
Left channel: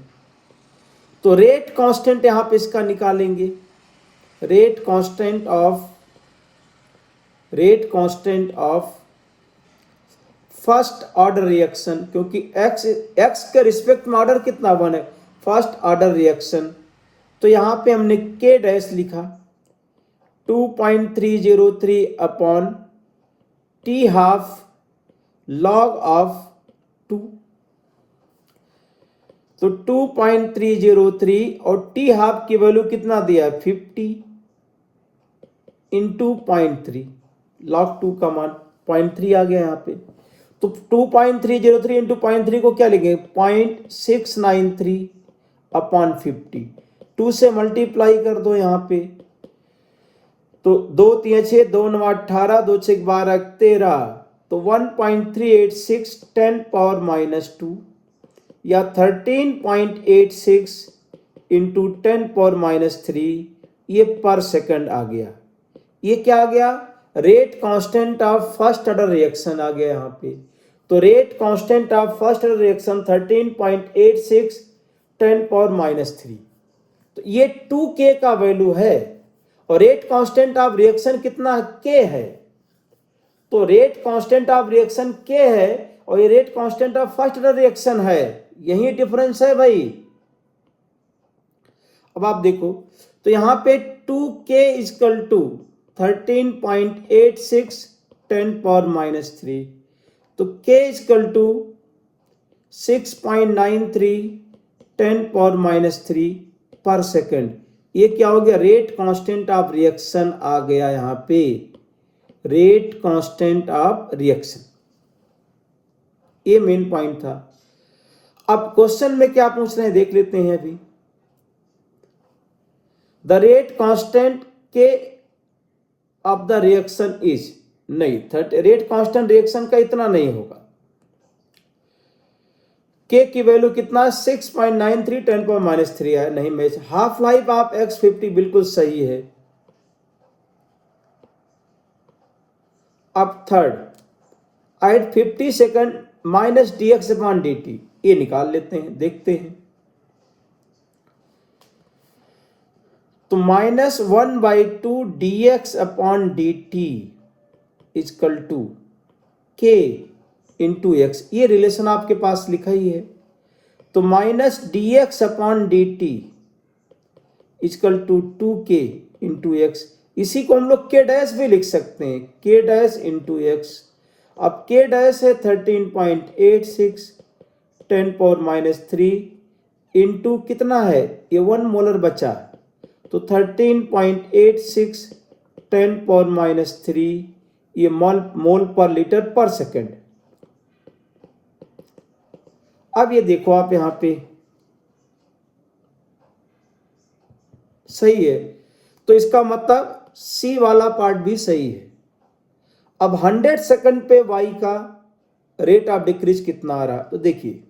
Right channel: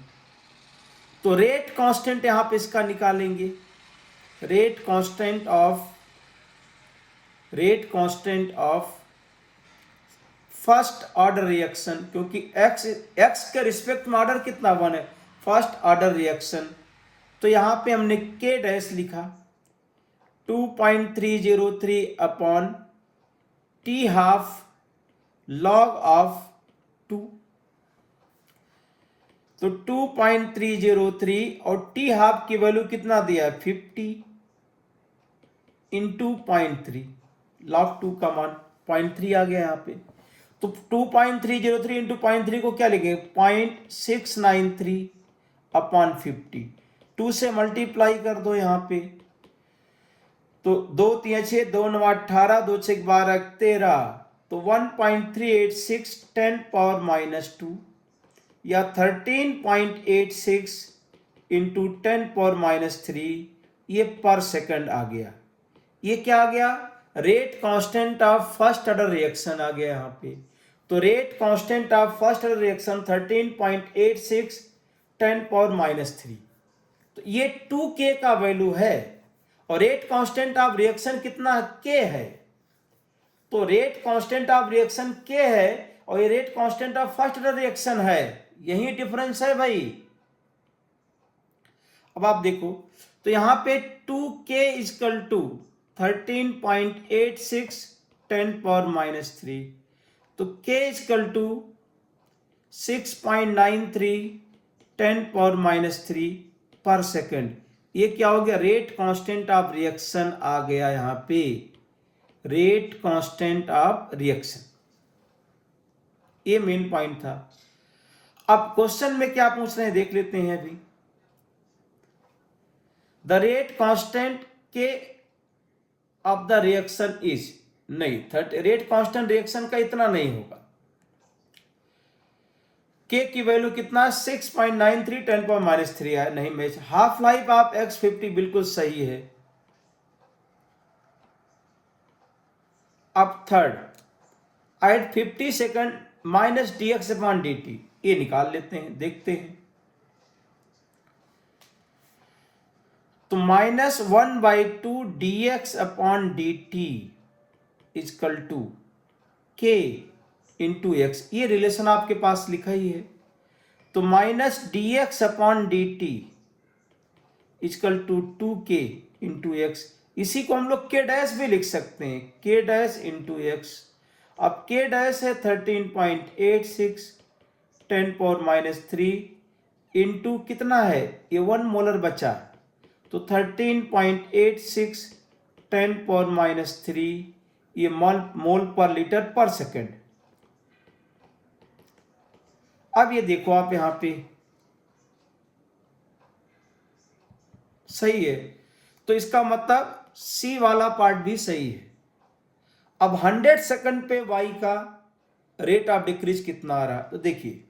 तो रेट कांस्टेंट यहां पे इसका निकालेंगे, rate constant of first order reaction, क्योंकि x के रिस्पेक्ट में ऑर्डर कितना 1 है, फर्स्ट ऑर्डर रिएक्शन। तो यहां पे हमने k डैश लिखा 2.303 upon t half log of 2। तो 2.303 और t हाफ की वैल्यू कितना दिया है 50 इंटू 0.3, लॉग 2 का मान 0.3 आ गया यहां पे। तो 2.303 इंटू 0.3 को क्या लिखेंगे 0.693 अपॉन 50, 2 से मल्टीप्लाई कर दो यहाँ पे, तो 2 3 6 2 9 18 2 6 12 13, तो 1.386 10 पावर माइनस 2 या 13.86 इंटू 10 पावर माइनस 3, ये पर सेकंड आ गया। ये क्या आ गया, rate constant of first order reaction आ गया यहाँ पे। तो rate constant of first order reaction 13.86 10 power minus 3, तो ये 2K का वैल्यू है। और रेट कांस्टेंट ऑफ रिएक्शन कितना K है, तो rate constant of reaction K है और ये rate constant of first order reaction है, यही डिफरेंस है भाई। अब आप देखो तो यहां पे 2K is equal to 13.86 10 power minus 3, तो K equal to 6.93 10 power minus 3 per second. ये क्या हो गया, रेट कांस्टेंट ऑफ रिएक्शन आ गया यहां पे, रेट कांस्टेंट ऑफ रिएक्शन। ये मेन पॉइंट था। अब क्वेश्चन में क्या पूछ रहे हैं देख लेते हैं अभी। द रेट कांस्टेंट के ऑफ द रिएक्शन इज, नहीं रेट कांस्टेंट रिएक्शन का इतना नहीं होगा, के की वैल्यू कितना 6.93 10 पावर माइनस 3 है, नहीं match. Half life of x50 बिल्कुल सही है। अब third, at 50 second minus dx upon dt, ये निकाल लेते हैं, देखते हैं। तो -1/2 dx upon dt equal to k into x, ये रिलेशन आपके पास लिखा ही है। तो minus dx upon dt equal to 2k into x, इसी को हम लोग k डैश भी लिख सकते हैं, k डैश इंटू एक्स। अब k डैश है 13.86 10 पावर माइनस 3 इंटू कितना है, ये 1 मोलर बचा, तो 13.86 10 पावर माइनस 3, ये मोल पर लीटर पर सेकेंड। अब ये देखो आप यहां पे सही है, तो इसका मतलब सी वाला पार्ट भी सही है। अब 100 सेकंड पे y का रेट ऑफ डिक्रीज कितना आ रहा, तो देखिए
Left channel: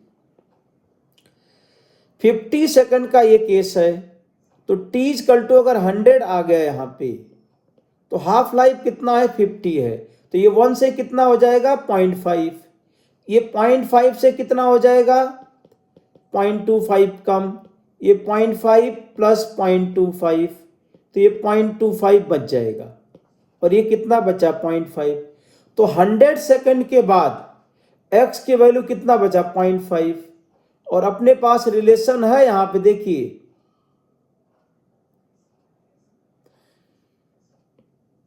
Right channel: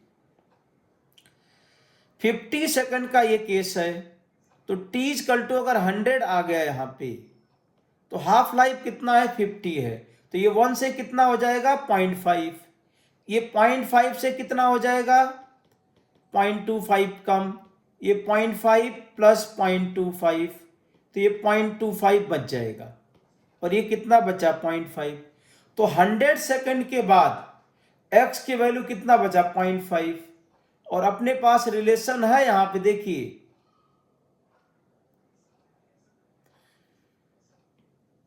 50 सेकंड का ये केस है, तो t इक्वल टू अगर 100 आ गया यहां पे, तो हाफ लाइफ कितना है 50 है, तो ये 1 से कितना हो जाएगा 0.5, ये 0.5 से कितना हो जाएगा 0.25 कम, ये 0.5 प्लस 0.25, तो ये 0.25 बच जाएगा, और ये कितना बचा 0.5। तो 100 सेकंड के बाद x की वैल्यू कितना बचा 0.5, और अपने पास रिलेशन है यहां पे देखिए,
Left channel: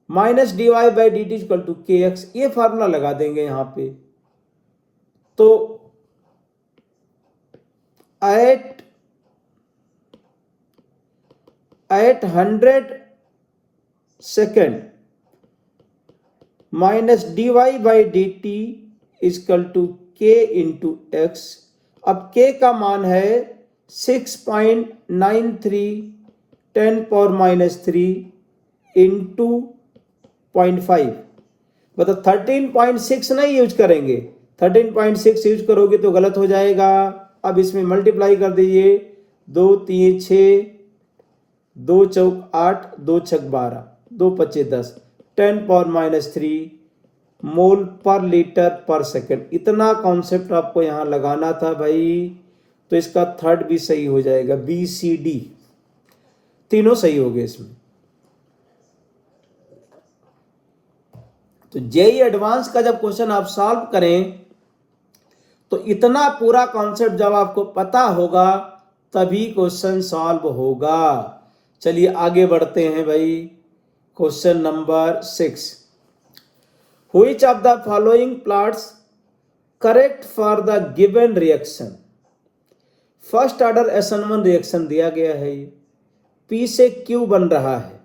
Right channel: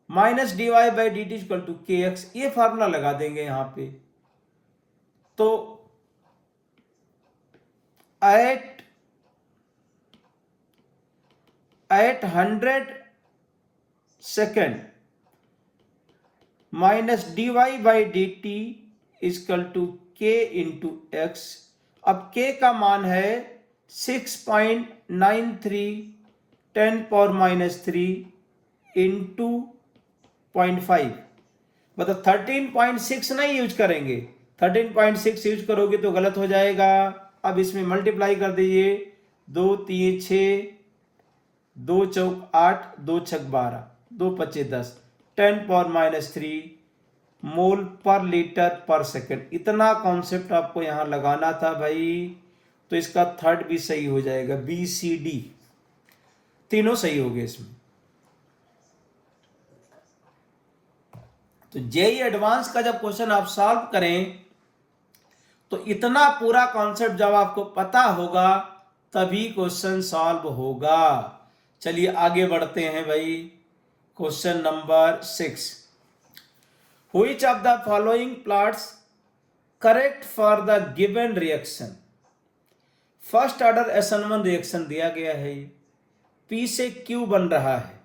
minus dy/dt equal to kx, ये फार्मूला लगा देंगे यहां पे। तो at 100 second minus dy/dt equal to k into x. अब k का मान है 6.93 10 पावर माइनस 3 इंटू 0.5, मतलब 13.6 नहीं यूज करेंगे, 13.6 यूज करोगे तो गलत हो जाएगा। अब इसमें मल्टीप्लाई कर दीजिए, 2 3 6 2 चौक 8 2 छक 12 2 पच्चे 10 10 पावर माइनस 3 मोल पर लीटर पर सेकंड। इतना कॉन्सेप्ट आपको यहां लगाना था भाई, तो इसका थर्ड भी सही हो जाएगा, बी सी डी तीनों सही हो गए इसमें। तो जेई एडवांस का जब क्वेश्चन आप सॉल्व करें, तो इतना पूरा कॉन्सेप्ट जब आपको पता होगा तभी क्वेश्चन सॉल्व होगा। चलिए आगे बढ़ते हैं भाई। Question number 6, which of the following plots correct for the given reaction. First order SN1 reaction दिया गया है, ये P से Q बन रहा है।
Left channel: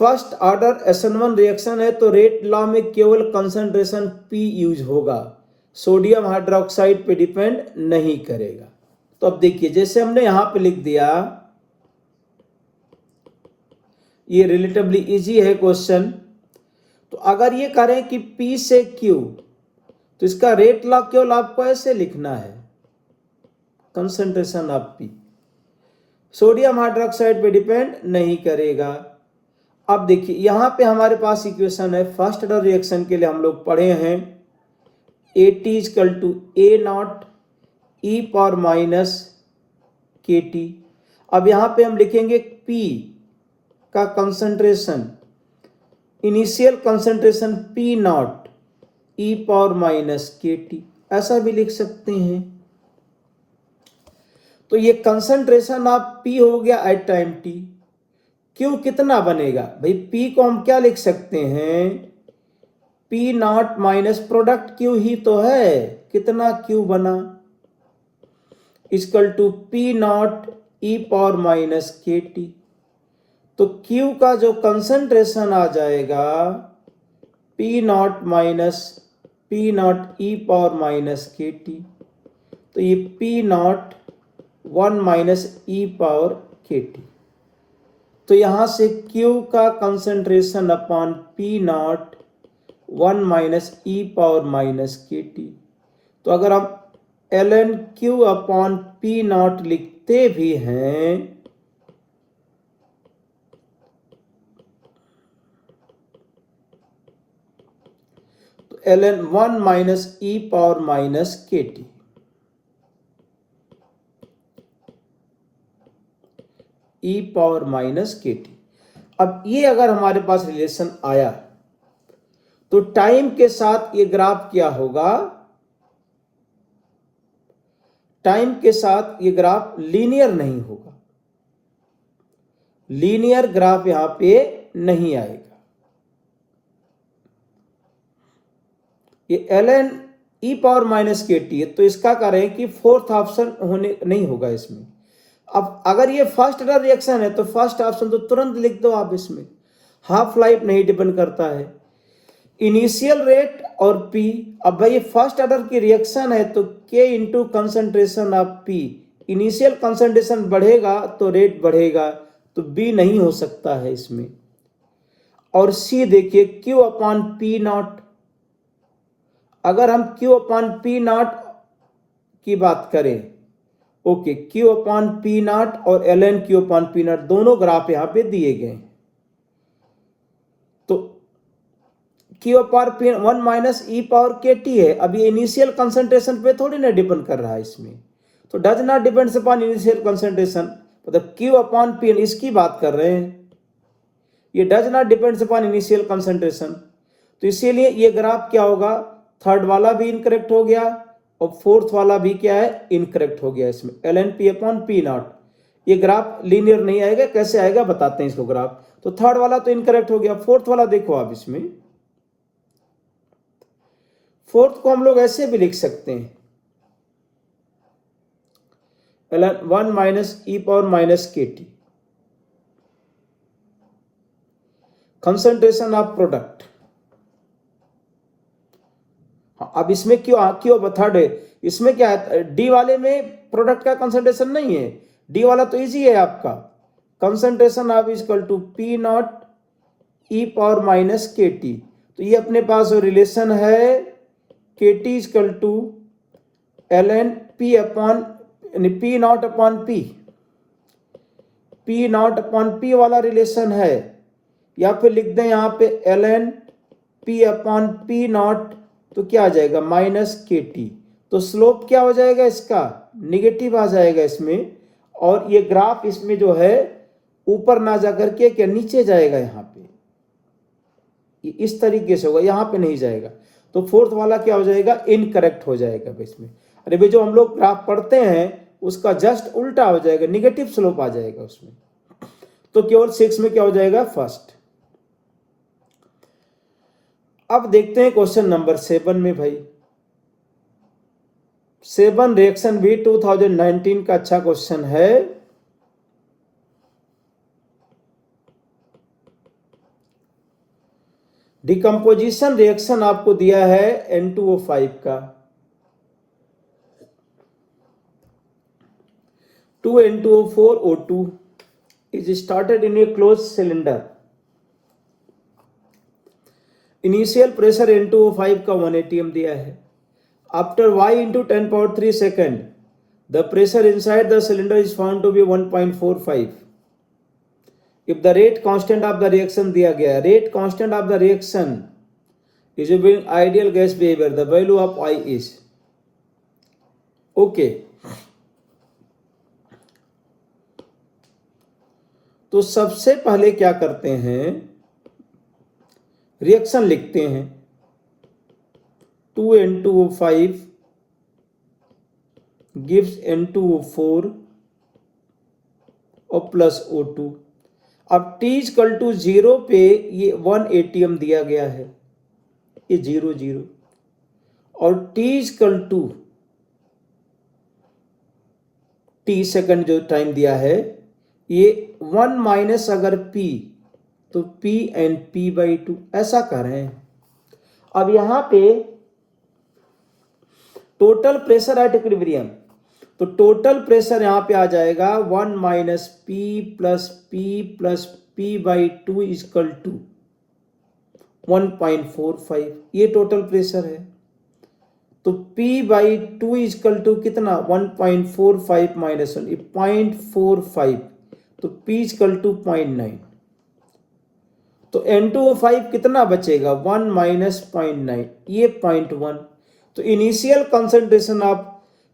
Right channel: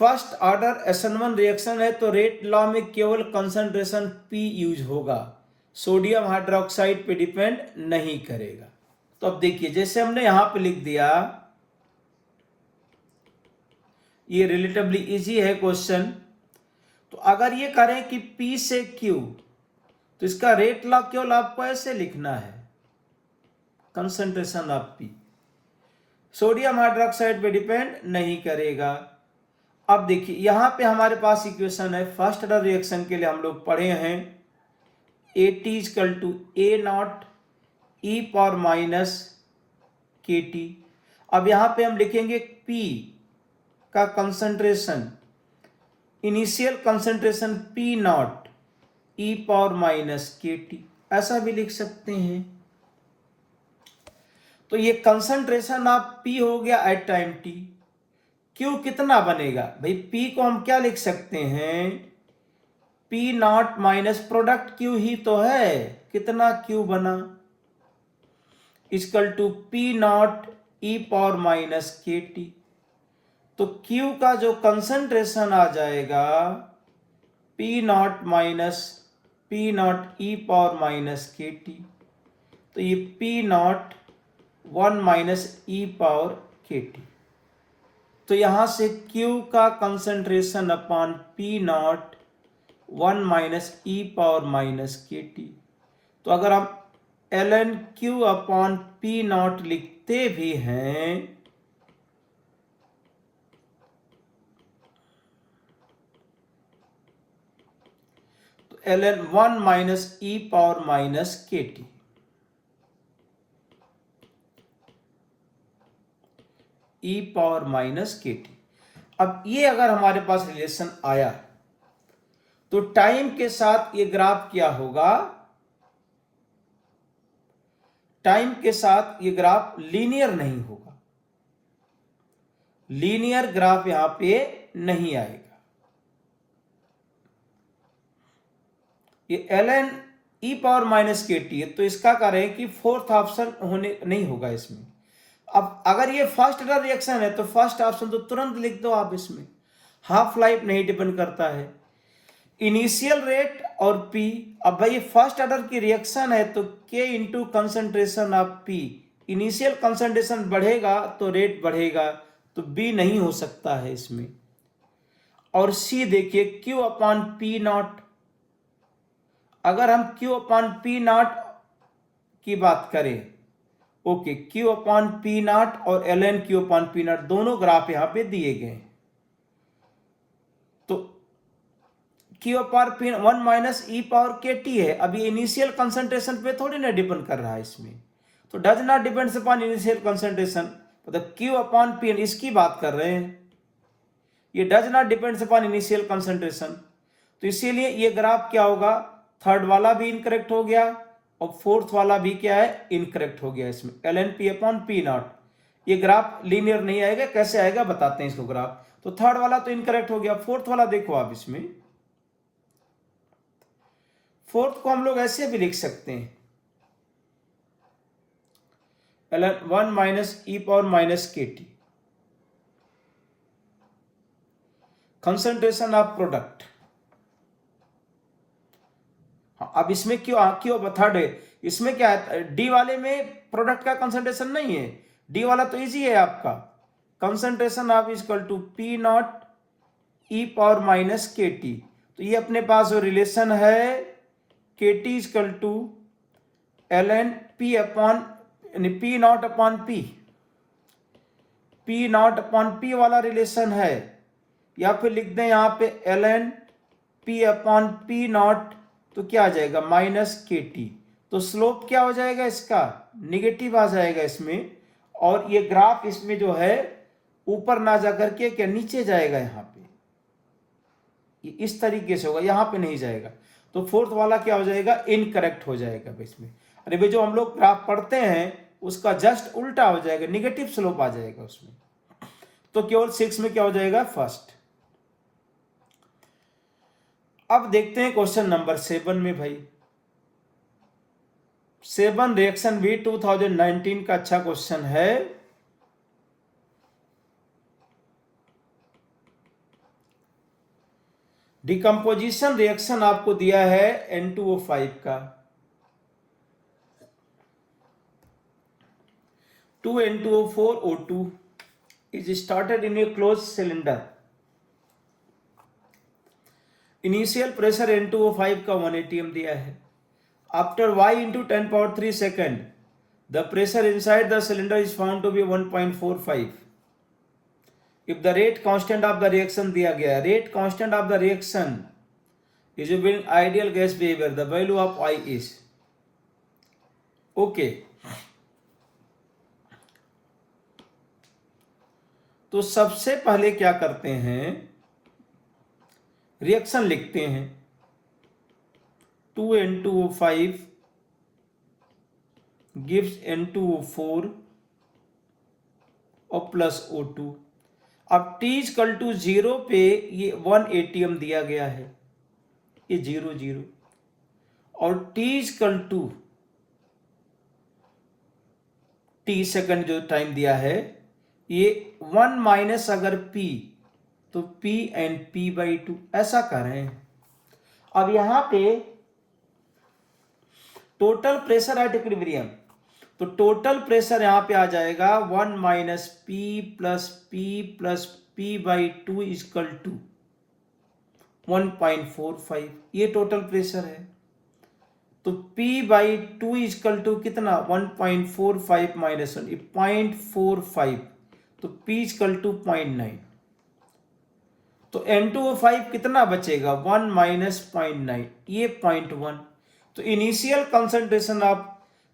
फर्स्ट ऑर्डर SN1 रिएक्शन है तो रेट लॉ में केवल कंसंट्रेशन P यूज होगा, सोडियम हाइड्रोक्साइड पे डिपेंड नहीं करेगा। तो अब देखिए जैसे हमने यहां पे लिख दिया, ये रिलेटिवली इजी है क्वेश्चन। तो अगर ये करें कि P से Q, तो इसका रेट लॉ केवल आपको ऐसे लिखना है, concentration of P, sodium hydroxide पे डिपेंड नहीं करेगा। अब देखिए यहां पे हमारे पास इक्वेशन है, फर्स्ट ऑर्डर रिएक्शन के लिए हम लोग पढ़े हैं AT equal to A0 e power minus KT। अब यहां पे हम लिखेंगे P का concentration, initial concentration P0 e power minus KT, ऐसा भी लिख सकते हैं। तो ये कंसंट्रेशन ऑफ P हो गया एट टाइम T। Q कितना बनेगा भाई, P को हम क्या लिख सकते हैं, P0 माइनस प्रोडक्ट Q ही तो है, कितना Q बना, equal to P0 e power minus KT। तो Q का जो कंसंट्रेशन आ जाएगा P0 minus P0 e power minus KT, तो ये P0 1 minus e power KT। तो यहां से Q का concentration upon P0 1 minus e power minus KT। तो अगर हम ln Q अपॉन P0 लिखते भी हैं तो ln 1 minus e power minus KT, e power minus KT। अब ये अगर हमारे पास रिलेशन आया तो टाइम के साथ ये ग्राफ क्या होगा, टाइम के साथ ये ग्राफ लीनियर नहीं होगा, लीनियर ग्राफ यहां पे नहीं आएगा। ये ln e power minus KT है, तो इसका करें कि फोर्थ ऑप्शन होने नहीं होगा इसमें। अब अगर ये फर्स्ट ऑर्डर रिएक्शन है तो फर्स्ट ऑप्शन तो तुरंत लिख दो आप, इसमें हाफ लाइफ नहीं डिपेंड करता है, इनिशियल रेट और P। अब भाई ये फर्स्ट ऑर्डर की रिएक्शन है तो K into concentration of P, initial concentration बढ़ेगा तो रेट बढ़ेगा, तो B नहीं हो सकता है इसमें। और C देखिए Q अपॉन P0, अगर हम Q अपॉन P0 की बात करें, ओके, Q अपॉन P0 और ln Q अपॉन P0 दोनों ग्राफ यहां पे दिए गए, तो Q upon P 1 minus e power KT है। अब ये इनिशियल कंसंट्रेशन पे थोड़ी ना डिपेंड कर रहा है इसमें, तो does not depends upon initial concentration, मतलब Q अपॉन P इसकी बात कर रहे हैं, ये does not depends upon initial concentration. तो इसीलिए ये ग्राफ क्या होगा, थर्ड वाला भी इनकरेक्ट हो गया और फोर्थ वाला भी क्या है, इनकरेक्ट हो गया इसमें, ln P अपॉन P0। ये ग्राफ लीनियर नहीं आएगा, कैसे आएगा बताते हैं इसको ग्राफ। तो थर्ड वाला तो इनकरेक्ट हो गया, फोर्थ वाला देखो आप, इसमें फोर्थ को हम लोग ऐसे भी लिख सकते हैं, ln 1 minus e power minus KT, concentration of product. अब इसमें क्यों थर्ड है, इसमें क्या है, डी वाले में प्रोडक्ट का कंसंट्रेशन नहीं है, डी वाला तो इजी है आपका, concentration of equal to P0 e power minus KT। तो ये अपने पास जो रिलेशन है KT equal to ln P upon P0 upon P0 upon P वाला रिलेशन है, या फिर लिख दें यहाँ पे ln P अपॉन P0, तो क्या आ जाएगा माइनस KT। तो स्लोप क्या हो जाएगा इसका, निगेटिव आ जाएगा इसमें, और ये ग्राफ इसमें जो है ऊपर ना जाकर के क्या नीचे जाएगा, यहाँ पे ये इस तरीके से होगा, यहाँ पे नहीं जाएगा। तो फोर्थ वाला क्या हो जाएगा, इनकरेक्ट हो जाएगा इसमें। अरे भाई जो हम लोग ग्राफ पढ़ते हैं उसका जस्ट उल्टा हो जाएगा, निगेटिव स्लोप आ जाएगा उसमें। तो केवल 6 में क्या हो जाएगा, फर्स्ट। अब देखते हैं क्वेश्चन नंबर 7 में भाई, 7 रिएक्शन भी 2019 का अच्छा क्वेश्चन है। डिकम्पोजिशन रिएक्शन आपको दिया है N2O5 का, 2N2O4O2 is started in a closed cylinder. Initial pressure N2O5 का 1 atm दिया है. After y into 10 power 3 second, the pressure inside the cylinder is found to be 1.45. If the rate constant of the reaction दिया गया है, rate constant of the reaction is in ideal gas behavior, the value of I is. Okay. तो सबसे पहले क्या करते हैं, reaction लिखते हैं. 2N2O5 gives N2O4 और प्लस O2. अब T इक्वल टू 0 पे ये 1 atm दिया गया है, ये 0 0, और T equal to T second जो टाइम दिया है, ये 1 माइनस अगर P तो P एंड P/2 ऐसा कर रहे हैं. अब यहां पे टोटल प्रेशर एट इक्विलिब्रियम, तो टोटल प्रेशर यहां पे आ जाएगा 1 minus P plus P/2 equal to 1.45. ये टोटल प्रेशर है. तो P/2 इक्वल टू कितना, 1.45 माइनस 1, 0.45, तो P इक्वल टू 0.9. तो N2O5 कितना बचेगा, 1 माइनस 0.9, ये 0.1. तो इनिशियल कंसंट्रेशन ऑफ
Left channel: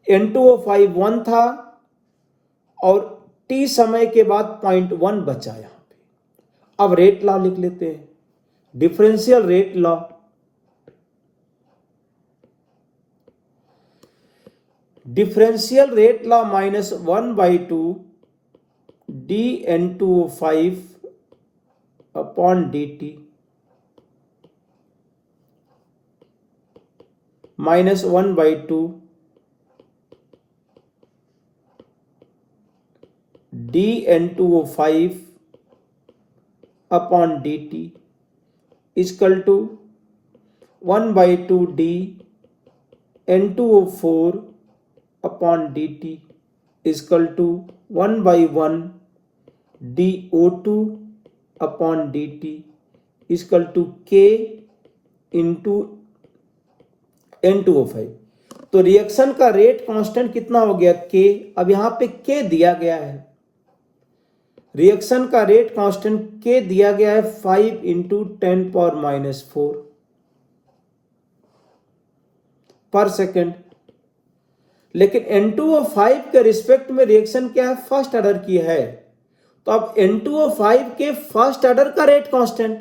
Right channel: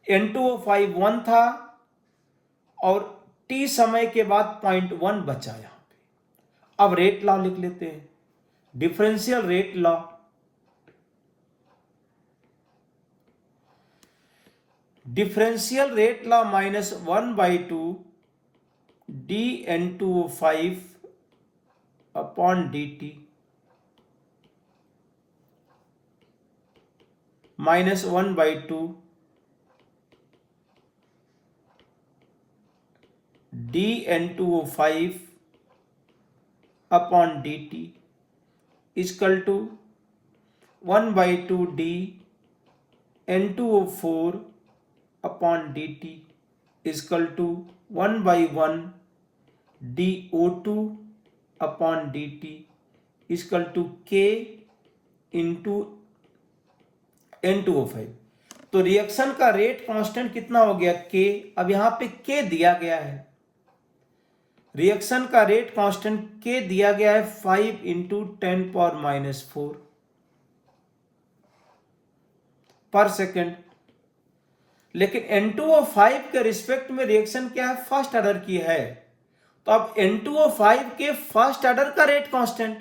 N2O5 1 था और T समय के बाद 0.1 बचा यहां पे. अब रेट लॉ लिख लेते हैं, differential rate law. Differential rate law minus 1/2 dN2O5 upon dt minus 1/2 dN2O5 upon dt equal to 1/2 dN2O4 upon dt equal to 1/1 dO2 upon dt equal to K into N2O5. तो reaction का rate constant कितना हो गया, K. अब यहां पे K दिया गया है, रिएक्शन का रेट कांस्टेंट K दिया गया है 5 इंटू 10⁻⁻⁴ पर सेकेंड. लेकिन N2O5 के रिस्पेक्ट में रिएक्शन क्या है, फर्स्ट ऑर्डर की है. तो अब N2O5 के फर्स्ट ऑर्डर का रेट कांस्टेंट,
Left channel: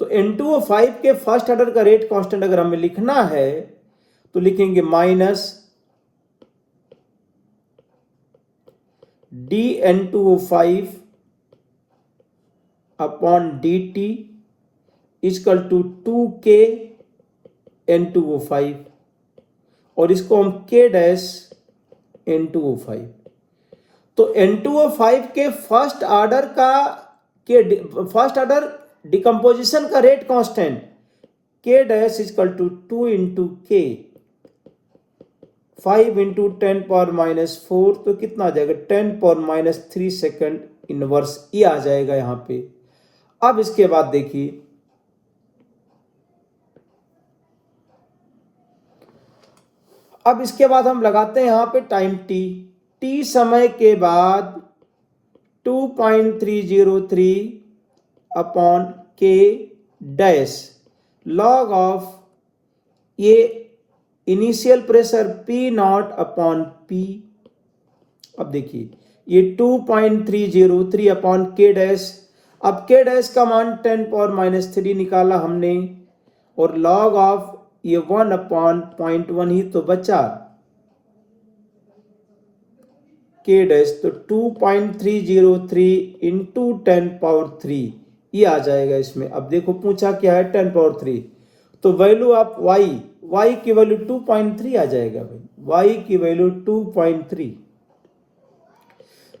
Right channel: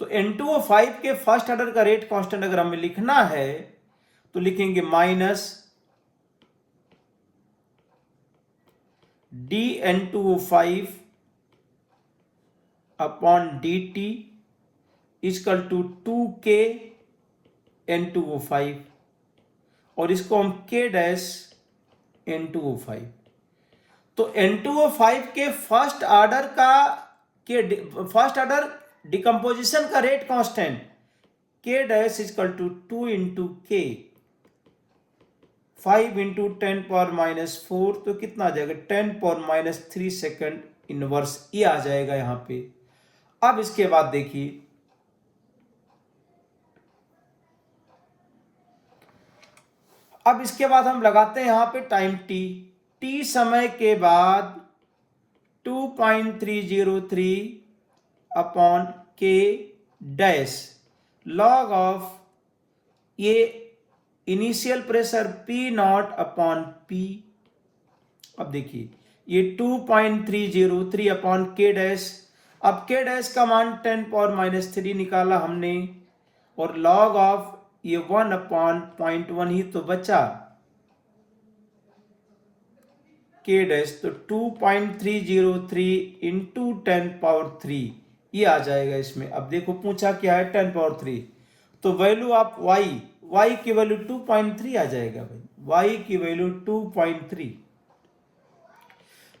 तो N2O5 के फर्स्ट ऑर्डर का रेट कांस्टेंट अगर हमें लिखना है तो लिखेंगे minus dN2O5 upon dt equal to 2K N2O5, और इसको हम K डैश N2O5. तो N2O5 के फर्स्ट ऑर्डर का फर्स्ट ऑर्डर डिकम्पोजिशन का rate constant K dash equal to 2 into K, 5 into 10⁻⁻⁴, तो कितना आ जाएगा, 10⁻³ सेकेंड इनवर्स, ये आ जाएगा यहां पे. अब इसके बाद देखिए, अब इसके बाद हम लगाते हैं यहां पे टाइम t समय के बाद 2.303 upon K dash log of ये initial pressure P0 upon P. अब देखिए ये 2.303 अपॉन K डैश, अब K डैश का मान 10⁻³ निकाला हमने, और लॉग ऑफ ये 1 अपॉन 0.1 ही तो बचा K डैश, तो 2.303 इंटू 10⁻³ ये आ जाएगा इसमें. अब देखो पूछा क्या है, 10⁻³, तो वैल्यू ऑफ y की वैल्यू 2.3 आ जाएगा भाई, y की वैल्यू 2.3.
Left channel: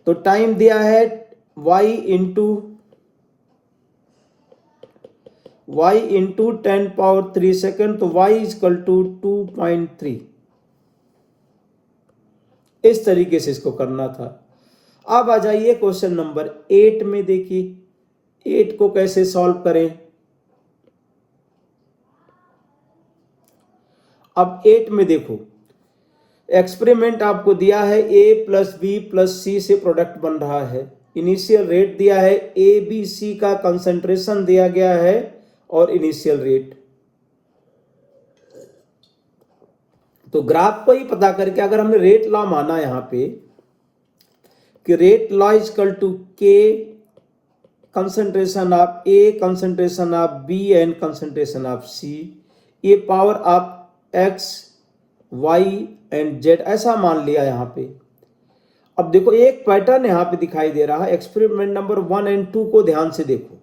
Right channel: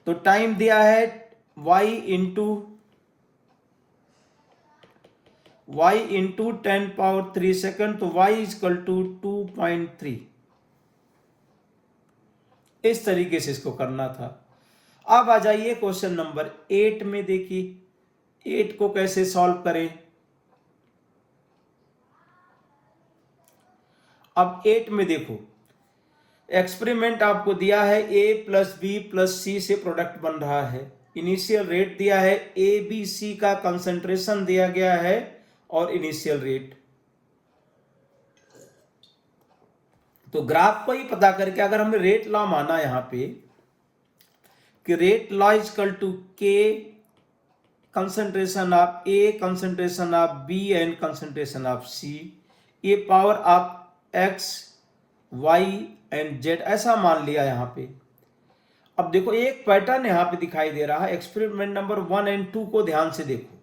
तो टाइम दिया है y into y into 10⁻³ second, तो y इजकल टू 2.3। इस तरीके से इसको करना था। अब आ जाइए क्वेश्चन नंबर 8 में। देखिए 8 को कैसे सॉल्व करें। अब 8 में देखो, एक्सपेरिमेंट आपको दिया है a प्लस बी प्लस सी से प्रोडक्ट बन रहा है। इनिशियल रेट दिया है, ए बी सी का कंसंट्रेशन दिया गया है और इनिशियल रेट। तो ग्राफ को ही पता करके अगर हमने रेट लॉ माना यहां पे कि rate law equal to K concentration of A, concentration of B and concentration of C, ये power of X Y and Z, ऐसा मान लिया यहां पे। अब देखो एक पैटर्न यहां पे दिखाई दे रहा है। एक्सपेरिमेंट नंबर 1 एंड 2 को ध्यान से देखो।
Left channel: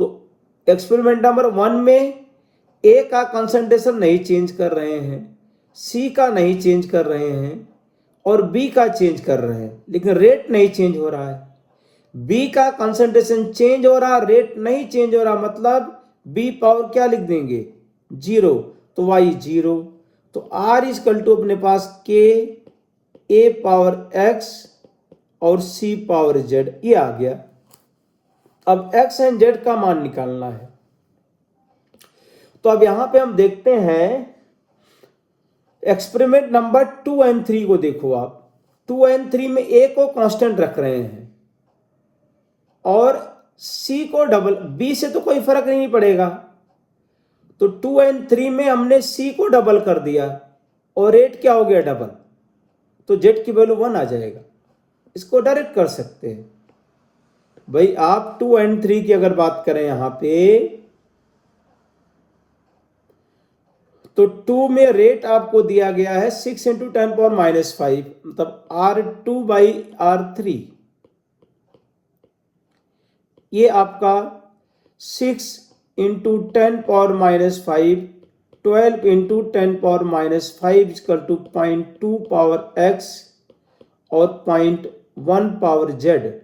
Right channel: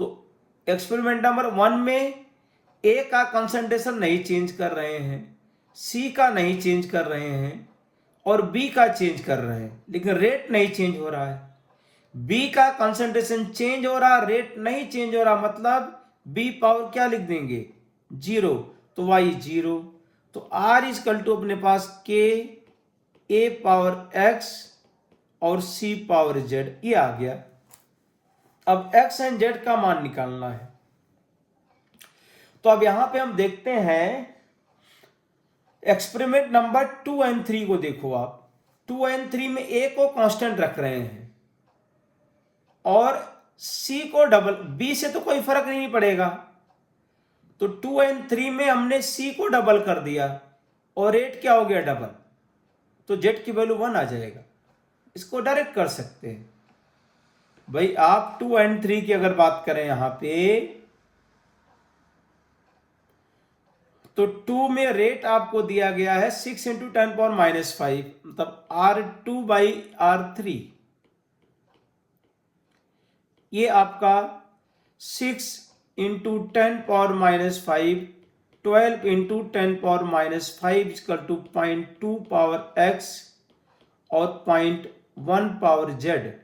तो एक्सपेरिमेंट नंबर 1 में ए का कंसंट्रेशन नहीं चेंज कर रहे हैं, सी का नहीं चेंज कर रहे हैं और बी का चेंज कर रहे हैं, लेकिन रेट नहीं चेंज हो रहा है। बी का कंसंट्रेशन चेंज हो रहा, रेट नहीं चेंज हो रहा, मतलब बी पावर क्या लिख देंगे 0, तो वाई 0। तो आर इजकल टू अपने पास के ए पावर एक्स और सी पावर जेड, ये आ गया। अब एक्स एंड जेड का मान निकालना है। तो अब यहां पे हम देखते हैं एक्सपेरिमेंट नंबर 2 एंड 3 को देखो आप। 2 एंड 3 में ए को कांस्टेंट रख रहे हैं और सी को डबल, बी से तो कोई फर्क नहीं पड़ेगा। तो 2 एंड 3 में हमने सी को डबल कर दिया और रेट क्या हो गया डबल, तो जेड की वैल्यू 1 आ जाएगा। इसको डायरेक्ट कर सकते हैं भाई आप। 2 एंड 3 की अगर बात करें यहां पे, तो 2 में रेट आपको दिया गया है 6 इंटू 10⁻⁵, मतलब R2/R3। ये आपका 6 into 10⁻⁵, 12 into 10⁻⁵ equal to 0.2 power x और 0.1 power z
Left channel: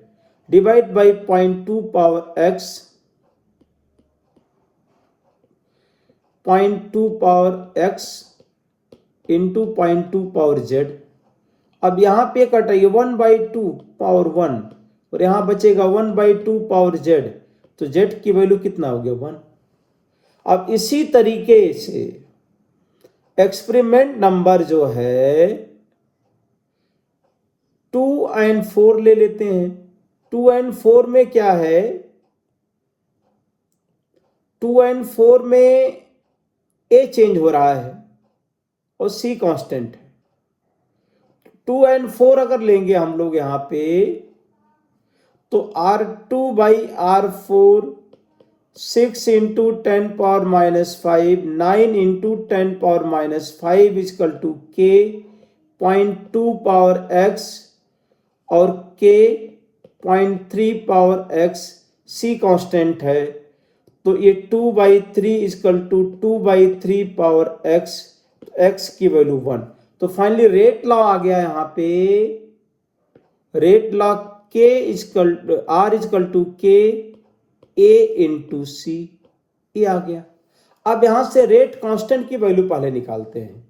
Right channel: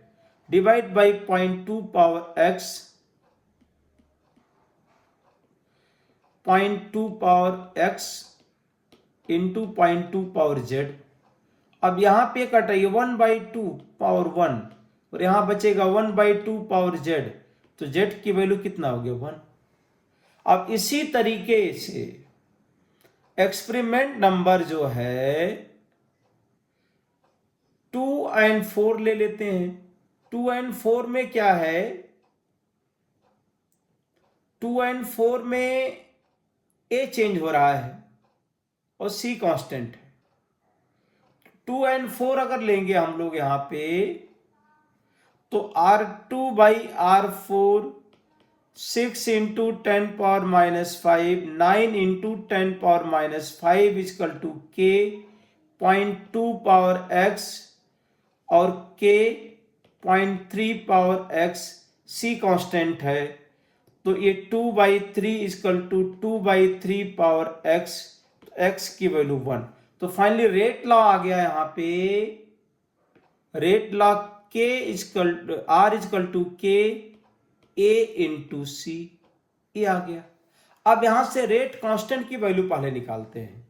divide by 0.2 power x, 0.2 power x into 0.2 power z. अब यहां पे कटाइए 1/2 पावर 1 और यहां बचेगा 1/2 पावर जेड, तो जेड की वैल्यू कितना हो गया 1। अब इसी तरीके से एक्सपेरिमेंट नंबर जो है 2 एंड 4 ले लेते हैं। 2 एंड 4 में क्या है, 2 एंड 4 में ए चेंज हो रहा है और सी कांस्टेंट है। 2 एंड 4 अगर लेंगे हम लोग यहां पे, तो R2/R4 6 into 10⁻⁵, 9 into 10⁻⁵ is equal to के 0.2 पावर एक्स और के 0.3 पावर एक्स, सी कांस्टेंट है। तो ये 2/3 equal to 2/3 power x, x की वैल्यू 1। तो फाइनली रेट लॉ आ गया यहां पे। रेट लॉ के equal R equal to K A into सी, ये आ गया। अब यहां से रेट कांस्टेंट की वैल्यू पहले निकालते हैं।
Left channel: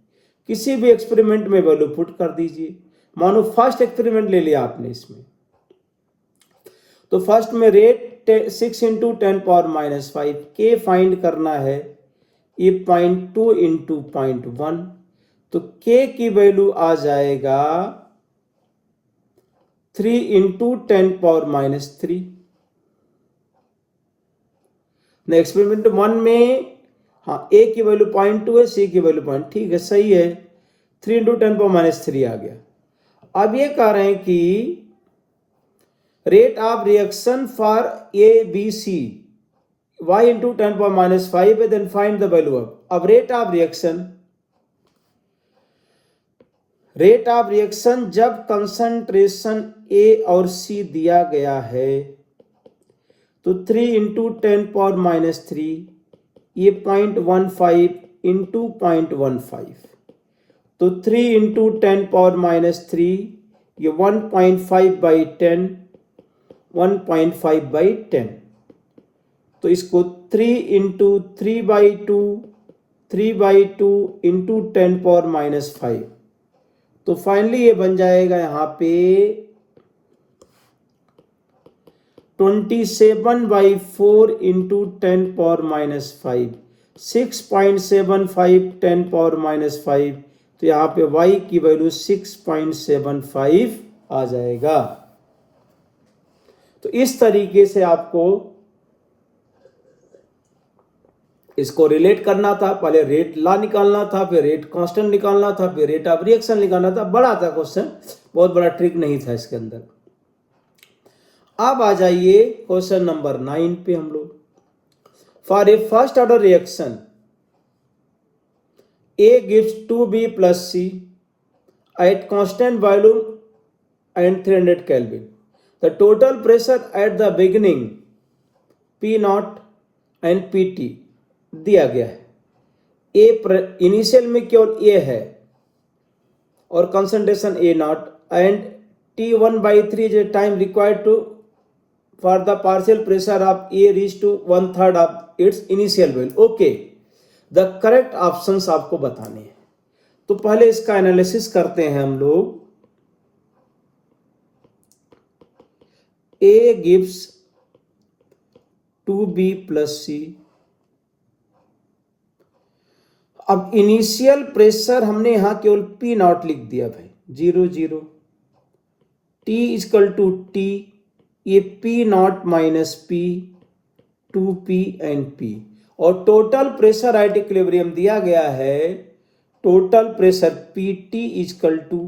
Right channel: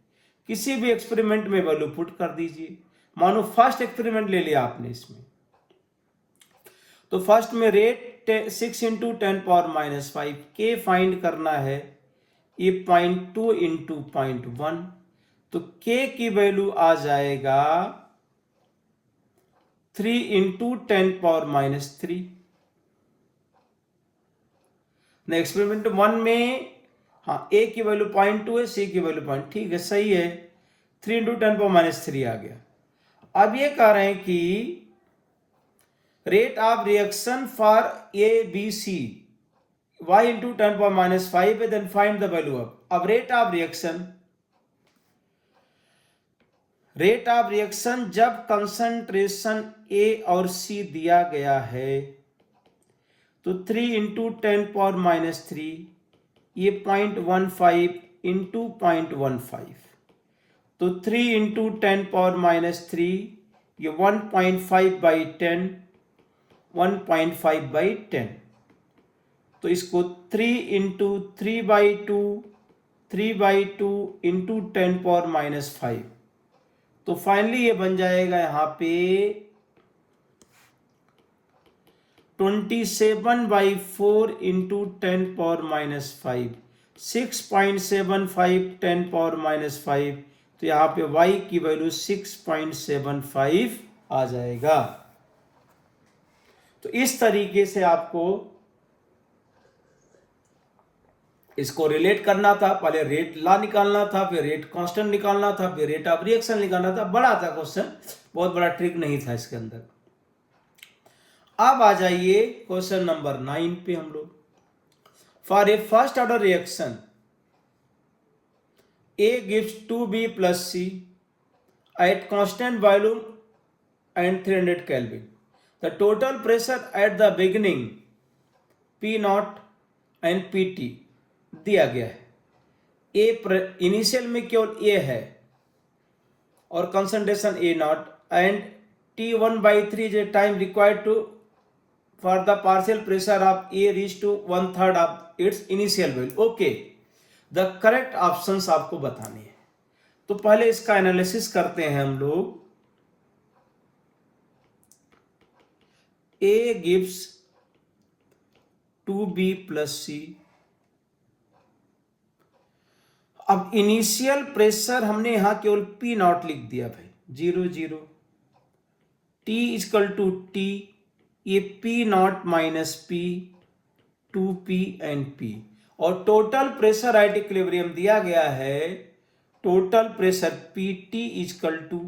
किसी भी एक्सपेरिमेंट में वैल्यू पुट कर दीजिए। मानो फर्स्ट एक्सपेरिमेंट ले लिया आपने इसमें, तो फर्स्ट में रेट 6 इंटू 10⁻⁵, के फाइंड करना है, ये 0.2 इंटू 0.1, तो के की वैल्यू आ जाएगा 3 इंटू 10⁻⁻3। एक्सपेरिमेंट 1 में हाँ ए की वैल्यू 0.2 है, सी की वैल्यू 0, ठीक है सही है, 3 इंटू 10⁻³ आ गया। अब ये कह रहे हैं कि rate of reaction for A B C y into 10⁻⁵, then find the value of. अब रेट ऑफ रिएक्शन जब कंसंट्रेशन ए और सी दिया गया है, तो 3 इंटू 10⁻⁻3, ये 0.15 इंटू 0.15, तो 3 इंटू 10⁻⁻3, ये 1.5/10, 1.5/10, तो इसको 3 इंटू 3/2 3/2 इंटू 10⁻⁵। तो फाइनली ये बन जाएगा यहाँ पे 27/4 इंटू 10⁻⁵, 6.75 10⁻⁵। तो यहाँ पे y की वैल्यू 6.75 आ जाएगा। तो इस तरीके से आपको इसको रिलेट करना था। पहले रेट लॉ निकालना था, फिर रेट कांस्टेंट निकालना था, फिर रेट ऑफ रिएक्शन निकालना था। बड़ा था क्वेश्चन, बहुत बड़ा ट्रिक नहीं था इसके अंदर। अब आ जाइए क्वेश्चन नंबर 9 पे हम लोग। For a first order reaction A gives 2B plus C at constant volume and 300 Kelvin. The total pressure at the beginning P naught and PT दिया गया है। A इनिशियल में केवल A है और concentration A not and T1/3 is the time required to for the partial pressure of A reach to 1/3 of its initial value. Okay, the correct options आपको बताने हैं। तो पहले इसका एनालिसिस करते हैं हम लोग। A gives 2B plus C। अब इनिशियल प्रेशर हमने यहां केवल P नॉट लिख दिया भाई, 0 T इक्वल टू T, ये P naught minus P, 2P and P, और टोटल प्रेशर एट इक्विलिब्रियम दिया गया है। Total pressure PT equal to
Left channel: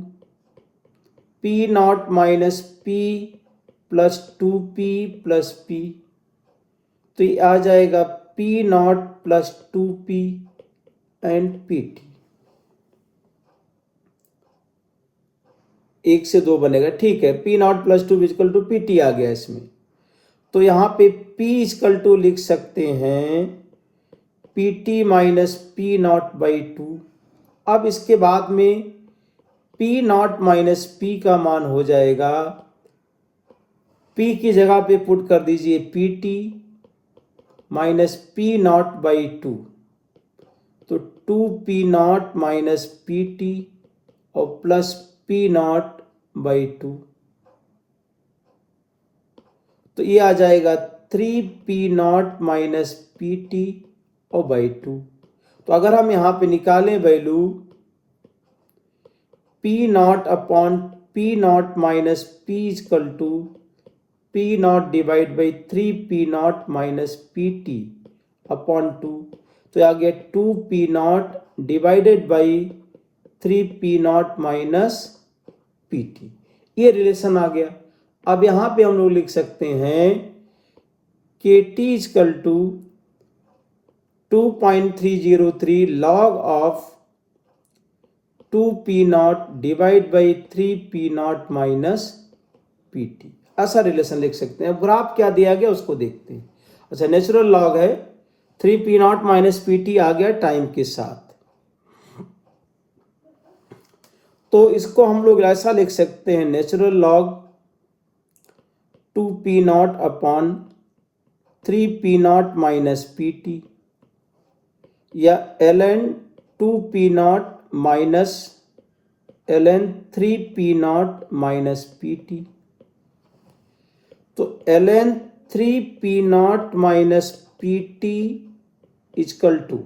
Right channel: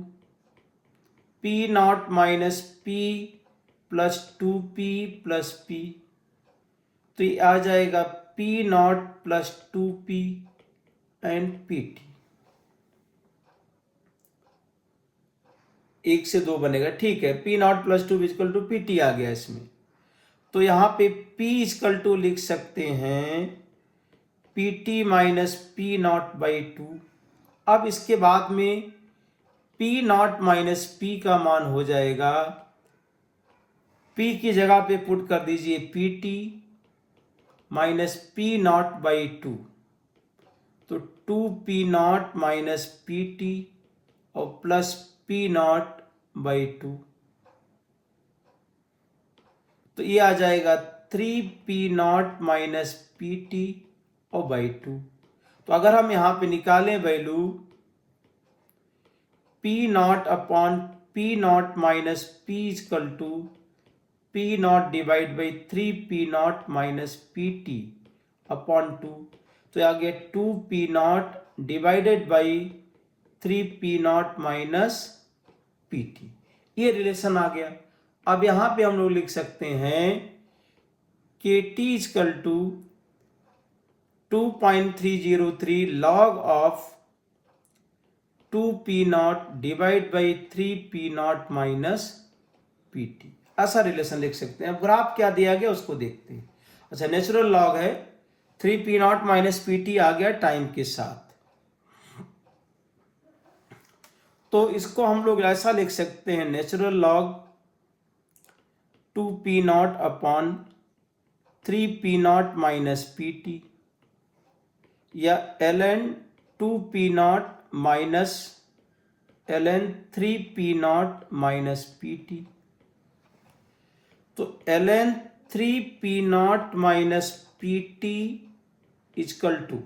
P naught minus P plus 2P plus P। तो ये आ जाएगा P naught plus 2P and PT। 1 से 2 बनेगा, ठीक है। P naught plus 2 equal to PT आ गया इसमें। तो यहां पे P इक्वल टू लिख सकते हैं PT minus P naught by 2। अब इसके बाद में P नॉट माइनस P का मान हो जाएगा, P की जगह पे पुट कर दीजिए PT minus P naught by 2, तो 2P नॉट माइनस PT और प्लस P नॉट बाई 2। तो ये आ जाएगा 3P नॉट माइनस PT और बाई 2। तो अगर हम यहां पे निकालें value P naught upon P naught minus P equal to P naught divide by 3P naught minus PT upon 2। तो आ गया 2P naught divided by 3P naught minus PT। ये रिलेशन आ गया। अब यहां पे हम लोग लिख सकते हैं KT equal to 2.303 log of 2P naught divide by 3P naught minus PT। ऐसा रिलेशन लिख सकते हैं। अब ग्राफ क्या दिया गया उसको देखते हैं। अच्छा, नेचुरल लॉग है, 3P नॉट माइनस PT आ गया टाइम के साथ। तो इसको हम लोग ऐसा लिख सकते हैं, natural log 2P naught upon 3P naught minus PT, या ln 2P naught minus ln 3P naught minus PT। तो ln 3P naught minus PT equal to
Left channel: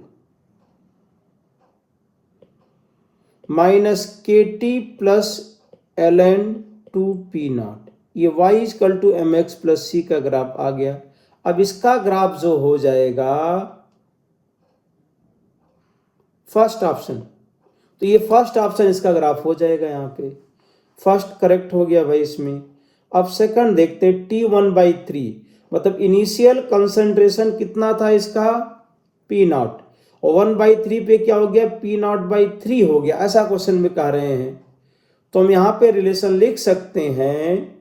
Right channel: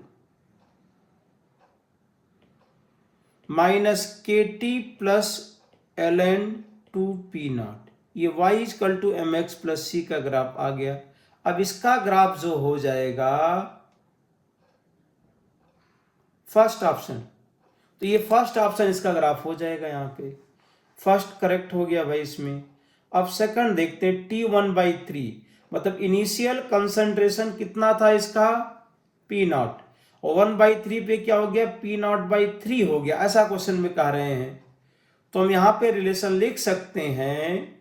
minus KT plus ln 2P naught. ये y equal to mx plus c का graph आ गया। अब इसका graph जो हो जाएगा फर्स्ट ऑप्शन, तो ये फर्स्ट ऑप्शन इसका ग्राफ हो जाएगा। यहाँ पे फर्स्ट करेक्ट हो गया भाई इसमें। अब सेकंड देखते हैं, T1/3 मतलब इनिशियल कंसंट्रेशन कितना था इसका, P नॉट, और 1/3 पे क्या हो गया, P नॉट/3 हो गया। ऐसा क्वेश्चन में कह रहे हैं। तो हम यहां पे रिलेशन लिख सकते हैं,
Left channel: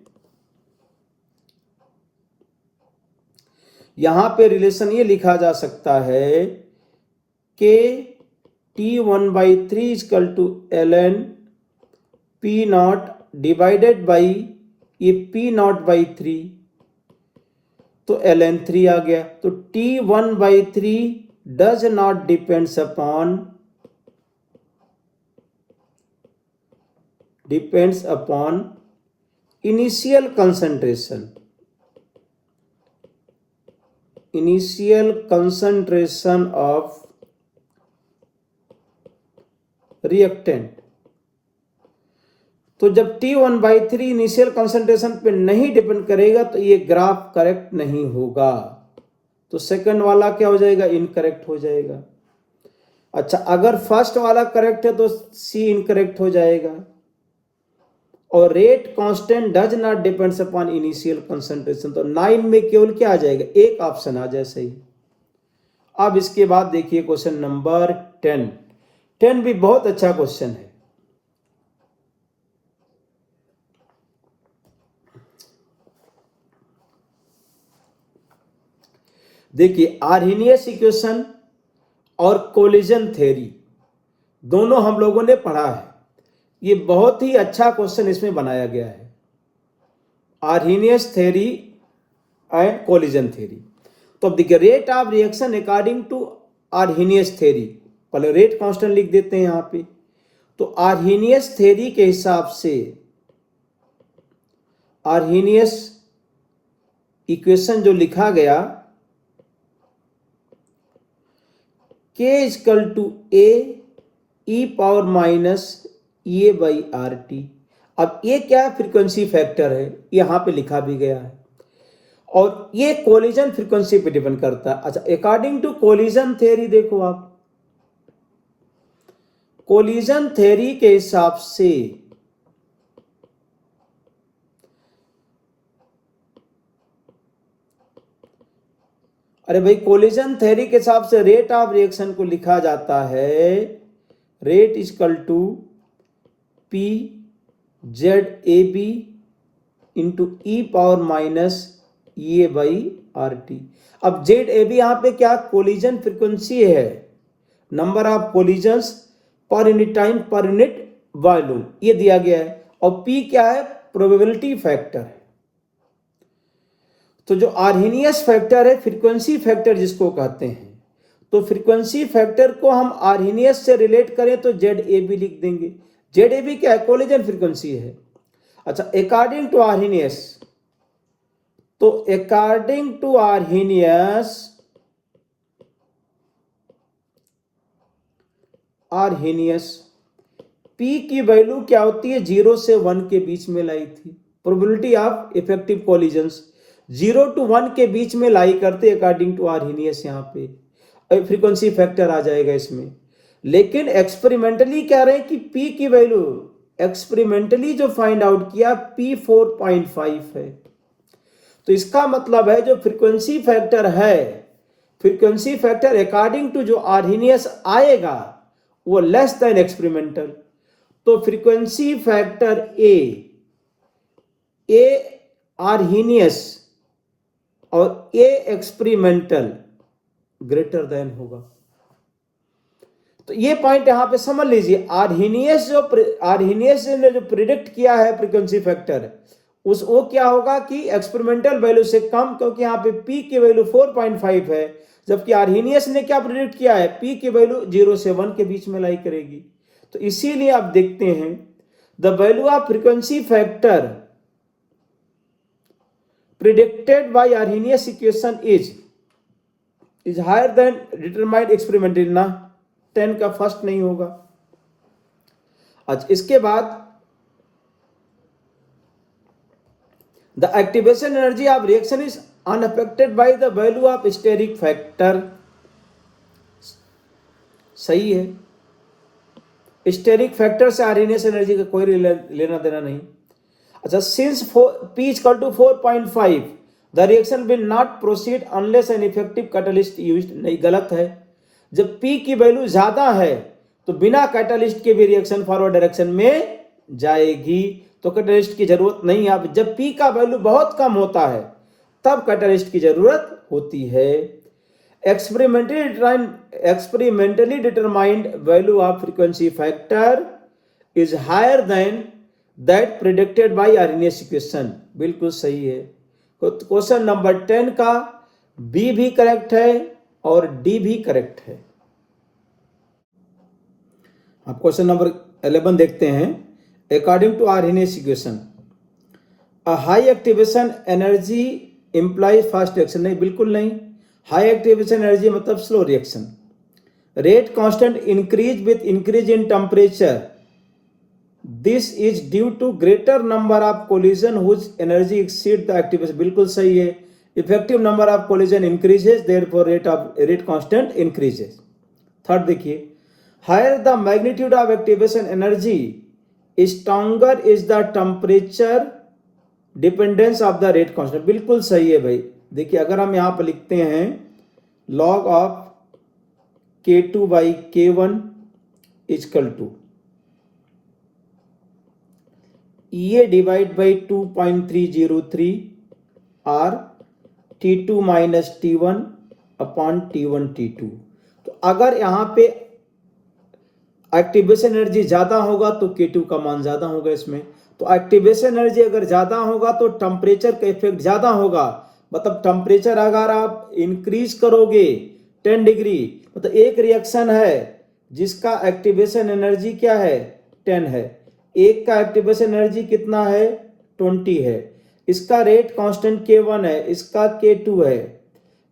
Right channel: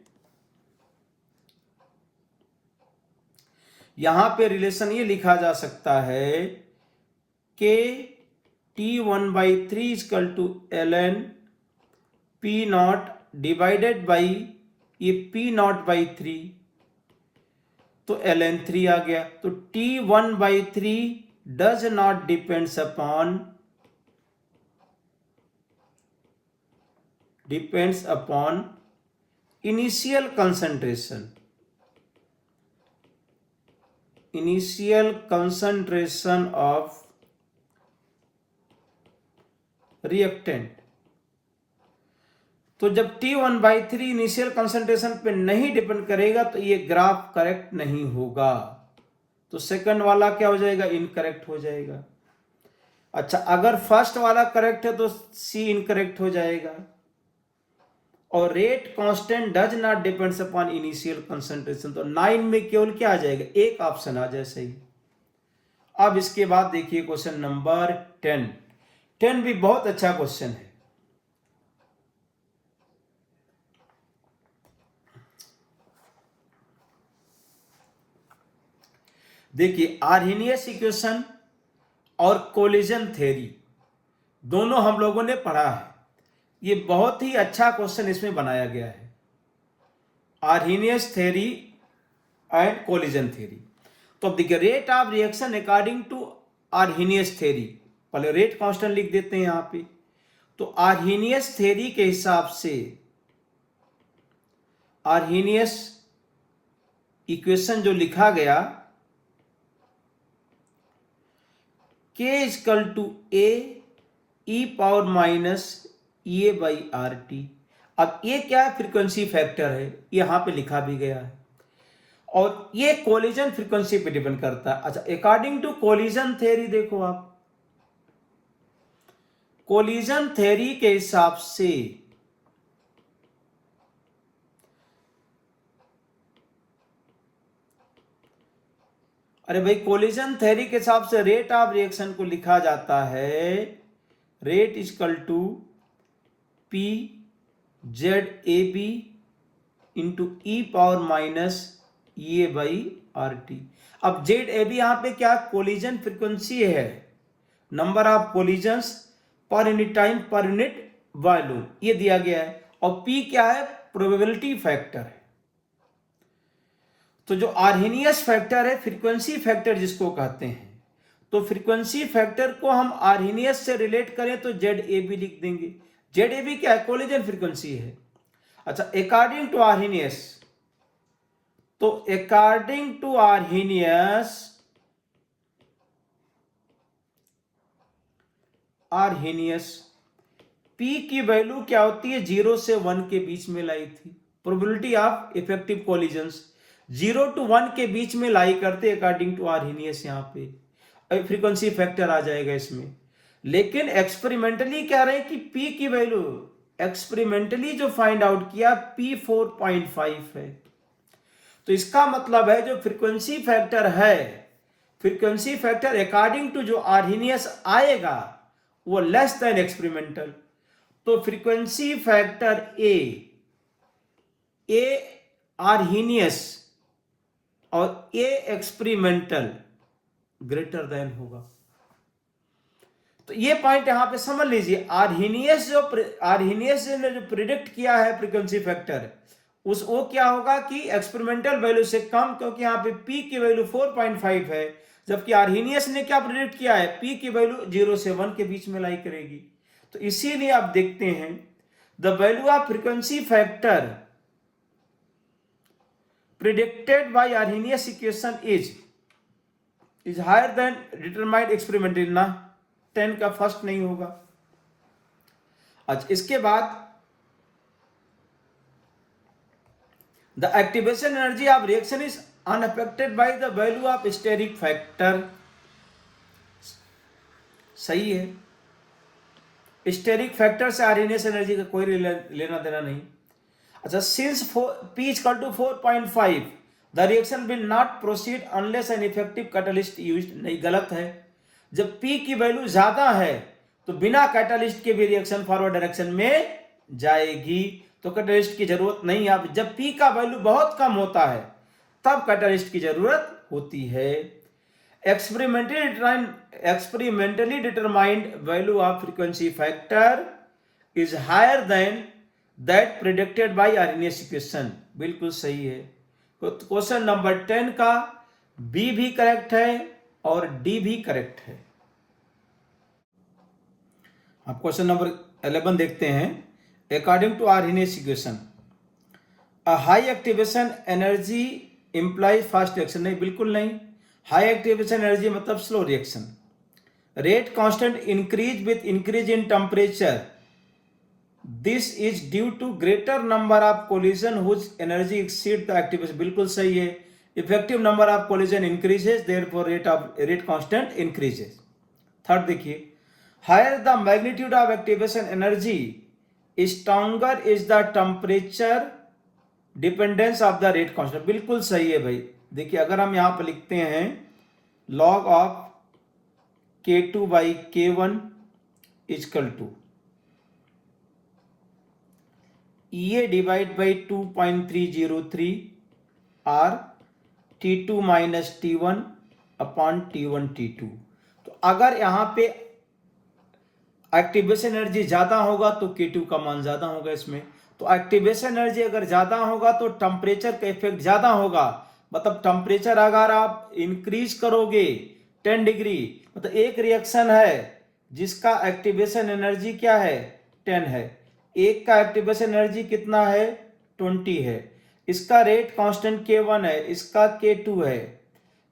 यहां पे रिलेशन ये लिखा जा सकता है कि T1/3 equal to ln P naught divided by ये P नॉट/3 तो ln3 आ गया। तो T1/3 does not depends upon initial concentration of reactant. तो जब T1/3 इनिशियल कंसंट्रेशन पे नहीं डिपेंड करेगा तो ये ग्राफ करेक्ट नहीं होगा। तो सेकंड वाला क्या हो जाएगा, इनकरेक्ट हो जाएगा। अच्छा, अगर फर्स्ट वाला करेक्ट है तो सी इनकरेक्ट हो जाएगा। और rate constant does not depends upon initial concentration, तो 9 में केवल क्या आ जाएगा, एक ऑप्शन आ जाए सही। अब इसके बाद देखिए क्वेश्चन नंबर 10 भी बहुत अच्छा क्वेश्चन है। देखिए, आर्हेनियस इक्वेशन और कोलिजन थ्योरी दोनों हम लोगों ने पढ़ा है। ये बहुत ही अच्छा क्वेश्चन इसमें बनाया गया है, Arrhenius theory and collision theory. तो अब देखिए, rate of reaction according to Arrhenius theory, पहले रेट कांस्टेंट लिख देते हैं यहां पे। तो आर्हेनियस थ्योरी के हिसाब से आर्हेनियस इक्वेशन जो लिखा गया, K = A e⁻⁻⁸ अब ये क्या है, फ्रीक्वेंसी फैक्टर है, यहां पे लिखा भी गया है। और ये कोलिजन फ्रीक्वेंसी पे डिपेंड करता है। अच्छा, अकॉर्डिंग टू कोलिजन थ्योरी देखो आप, कोलिजन थ्योरी के हिसाब से अरे भाई, कोलिजन थ्योरी के हिसाब से रेट ऑफ रिएक्शन को लिखा जाता है रेट = PZAB × e⁻⁻⁸ अब ZAB यहां पे क्या, कोलिजन फ्रीक्वेंसी है, number of collisions per unit time per unit volume, ये दिया गया है। और P क्या है, प्रोबेबिलिटी फैक्टर है। तो जो आर्हेनियस फैक्टर है, फ्रीक्वेंसी फैक्टर जिसको कहते हैं, तो फ्रीक्वेंसी फैक्टर को हम आर्हेनियस से रिलेट करें तो ZAB लिख देंगे। ZAB क्या है, कोलिजन फ्रीक्वेंसी है। अच्छा, अकॉर्डिंग टू आर्हेनियस, तो अकॉर्डिंग टू आर्हेनियस P की वैल्यू क्या होती है, 0 से 1 के बीच में लाई थी। Probability of effective collisions 0 to 1 के बीच में लाई करते अकॉर्डिंग टू आर्हेनियस, यहाँ पे फ्रीक्वेंसी फैक्टर आ जाएगा इसमें। लेकिन एक्सपेरिमेंटली कह रहे हैं कि P की वैल्यू एक्सपेरिमेंटली जो फाइंड आउट किया P 4.5 है। तो इसका मतलब है जो फ्रीक्वेंसी फैक्टर है, फ्रीक्वेंसी फैक्टर अकॉर्डिंग टू जो आर्हेनियस आएगा वो लेस देन एक्सपेरिमेंटल। तो फ्रीक्वेंसी फैक्टर ए आर्हेनियस और ए एक्सपेरिमेंटल ग्रेटर देन होगा। तो ये पॉइंट यहां पे समझ लीजिए, आर्हेनियस ने जो प्रिडिक्ट किया है फ्रीक्वेंसी फैक्टर, वो क्या होगा कि एक्सपेरिमेंटल वैल्यू से कम, क्योंकि यहां पे P की वैल्यू 4.5 है, जबकि आर्हेनियस ने क्या प्रिडिक्ट किया है, P की वैल्यू 0 से 1 के बीच में लाई करेगी। तो इसीलिए आप देखते हैं the value of frequency factor predicted by Arrhenius equation is higher than determined experimentally ना, 10 का फर्स्ट नहीं होगा। अच्छा, इसके बाद the activation energy of reaction is unaffected by the value of steric factor, सही है। स्टेरिक फैक्टर से आर्हेनियस एनर्जी का कोई लेना देना नहीं। अच्छा, since P = 4.5 the reaction will not proceed unless an effective catalyst used, नहीं, गलत है। जब P की वैल्यू ज्यादा है तो बिना कैटालिस्ट के भी रिएक्शन फॉरवर्ड डायरेक्शन में जाएगी, तो कैटालिस्ट की जरूरत नहीं है। जब P का वैल्यू बहुत कम होता है तब कैटालिस्ट की जरूरत होती है। Experimentally determined value of frequency factor is higher than that predicted by Arrhenius equation, बिल्कुल सही है। क्वेश्चन नंबर 10 का बी भी करेक्ट है और डी भी करेक्ट है। अब क्वेश्चन नंबर 11 देखते हैं। According to Arrhenius equation a high activation energy imply fast reaction, नहीं बिल्कुल नहीं। हाई एक्टिवेशन एनर्जी मतलब slow reaction. Rate constant increase with increase in temperature, this is due to greater number of collision whose energy exceed the activation, बिल्कुल सही है। Effective number of collision increases, therefore rate constant increases. Third देखिए, higher the magnitude of activation energy stronger is the temperature dependence of the rate constant, बिल्कुल सही है भाई। देखिए अगर हम यहां पर लिखते हैं log of K2 by K1 equal to ये divide by 2.303 R T2 minus T1 upon T1 T2। तो अगर यहां पे एक्टिवेशन एनर्जी ज्यादा होगा तो K2 का मान ज्यादा होगा इसमें। तो एक्टिवेशन एनर्जी अगर ज्यादा होगा तो टेम्परेचर का इफेक्ट ज्यादा होगा। मतलब टेम्परेचर अगर आप इंक्रीज करोगे 10 डिग्री, मतलब एक रिएक्शन है जिसका एक्टिवेशन एनर्जी क्या है 10 है, एक का एक्टिवेशन एनर्जी कितना है 20 है, इसका रेट कांस्टेंट K1 है, इसका K2 है,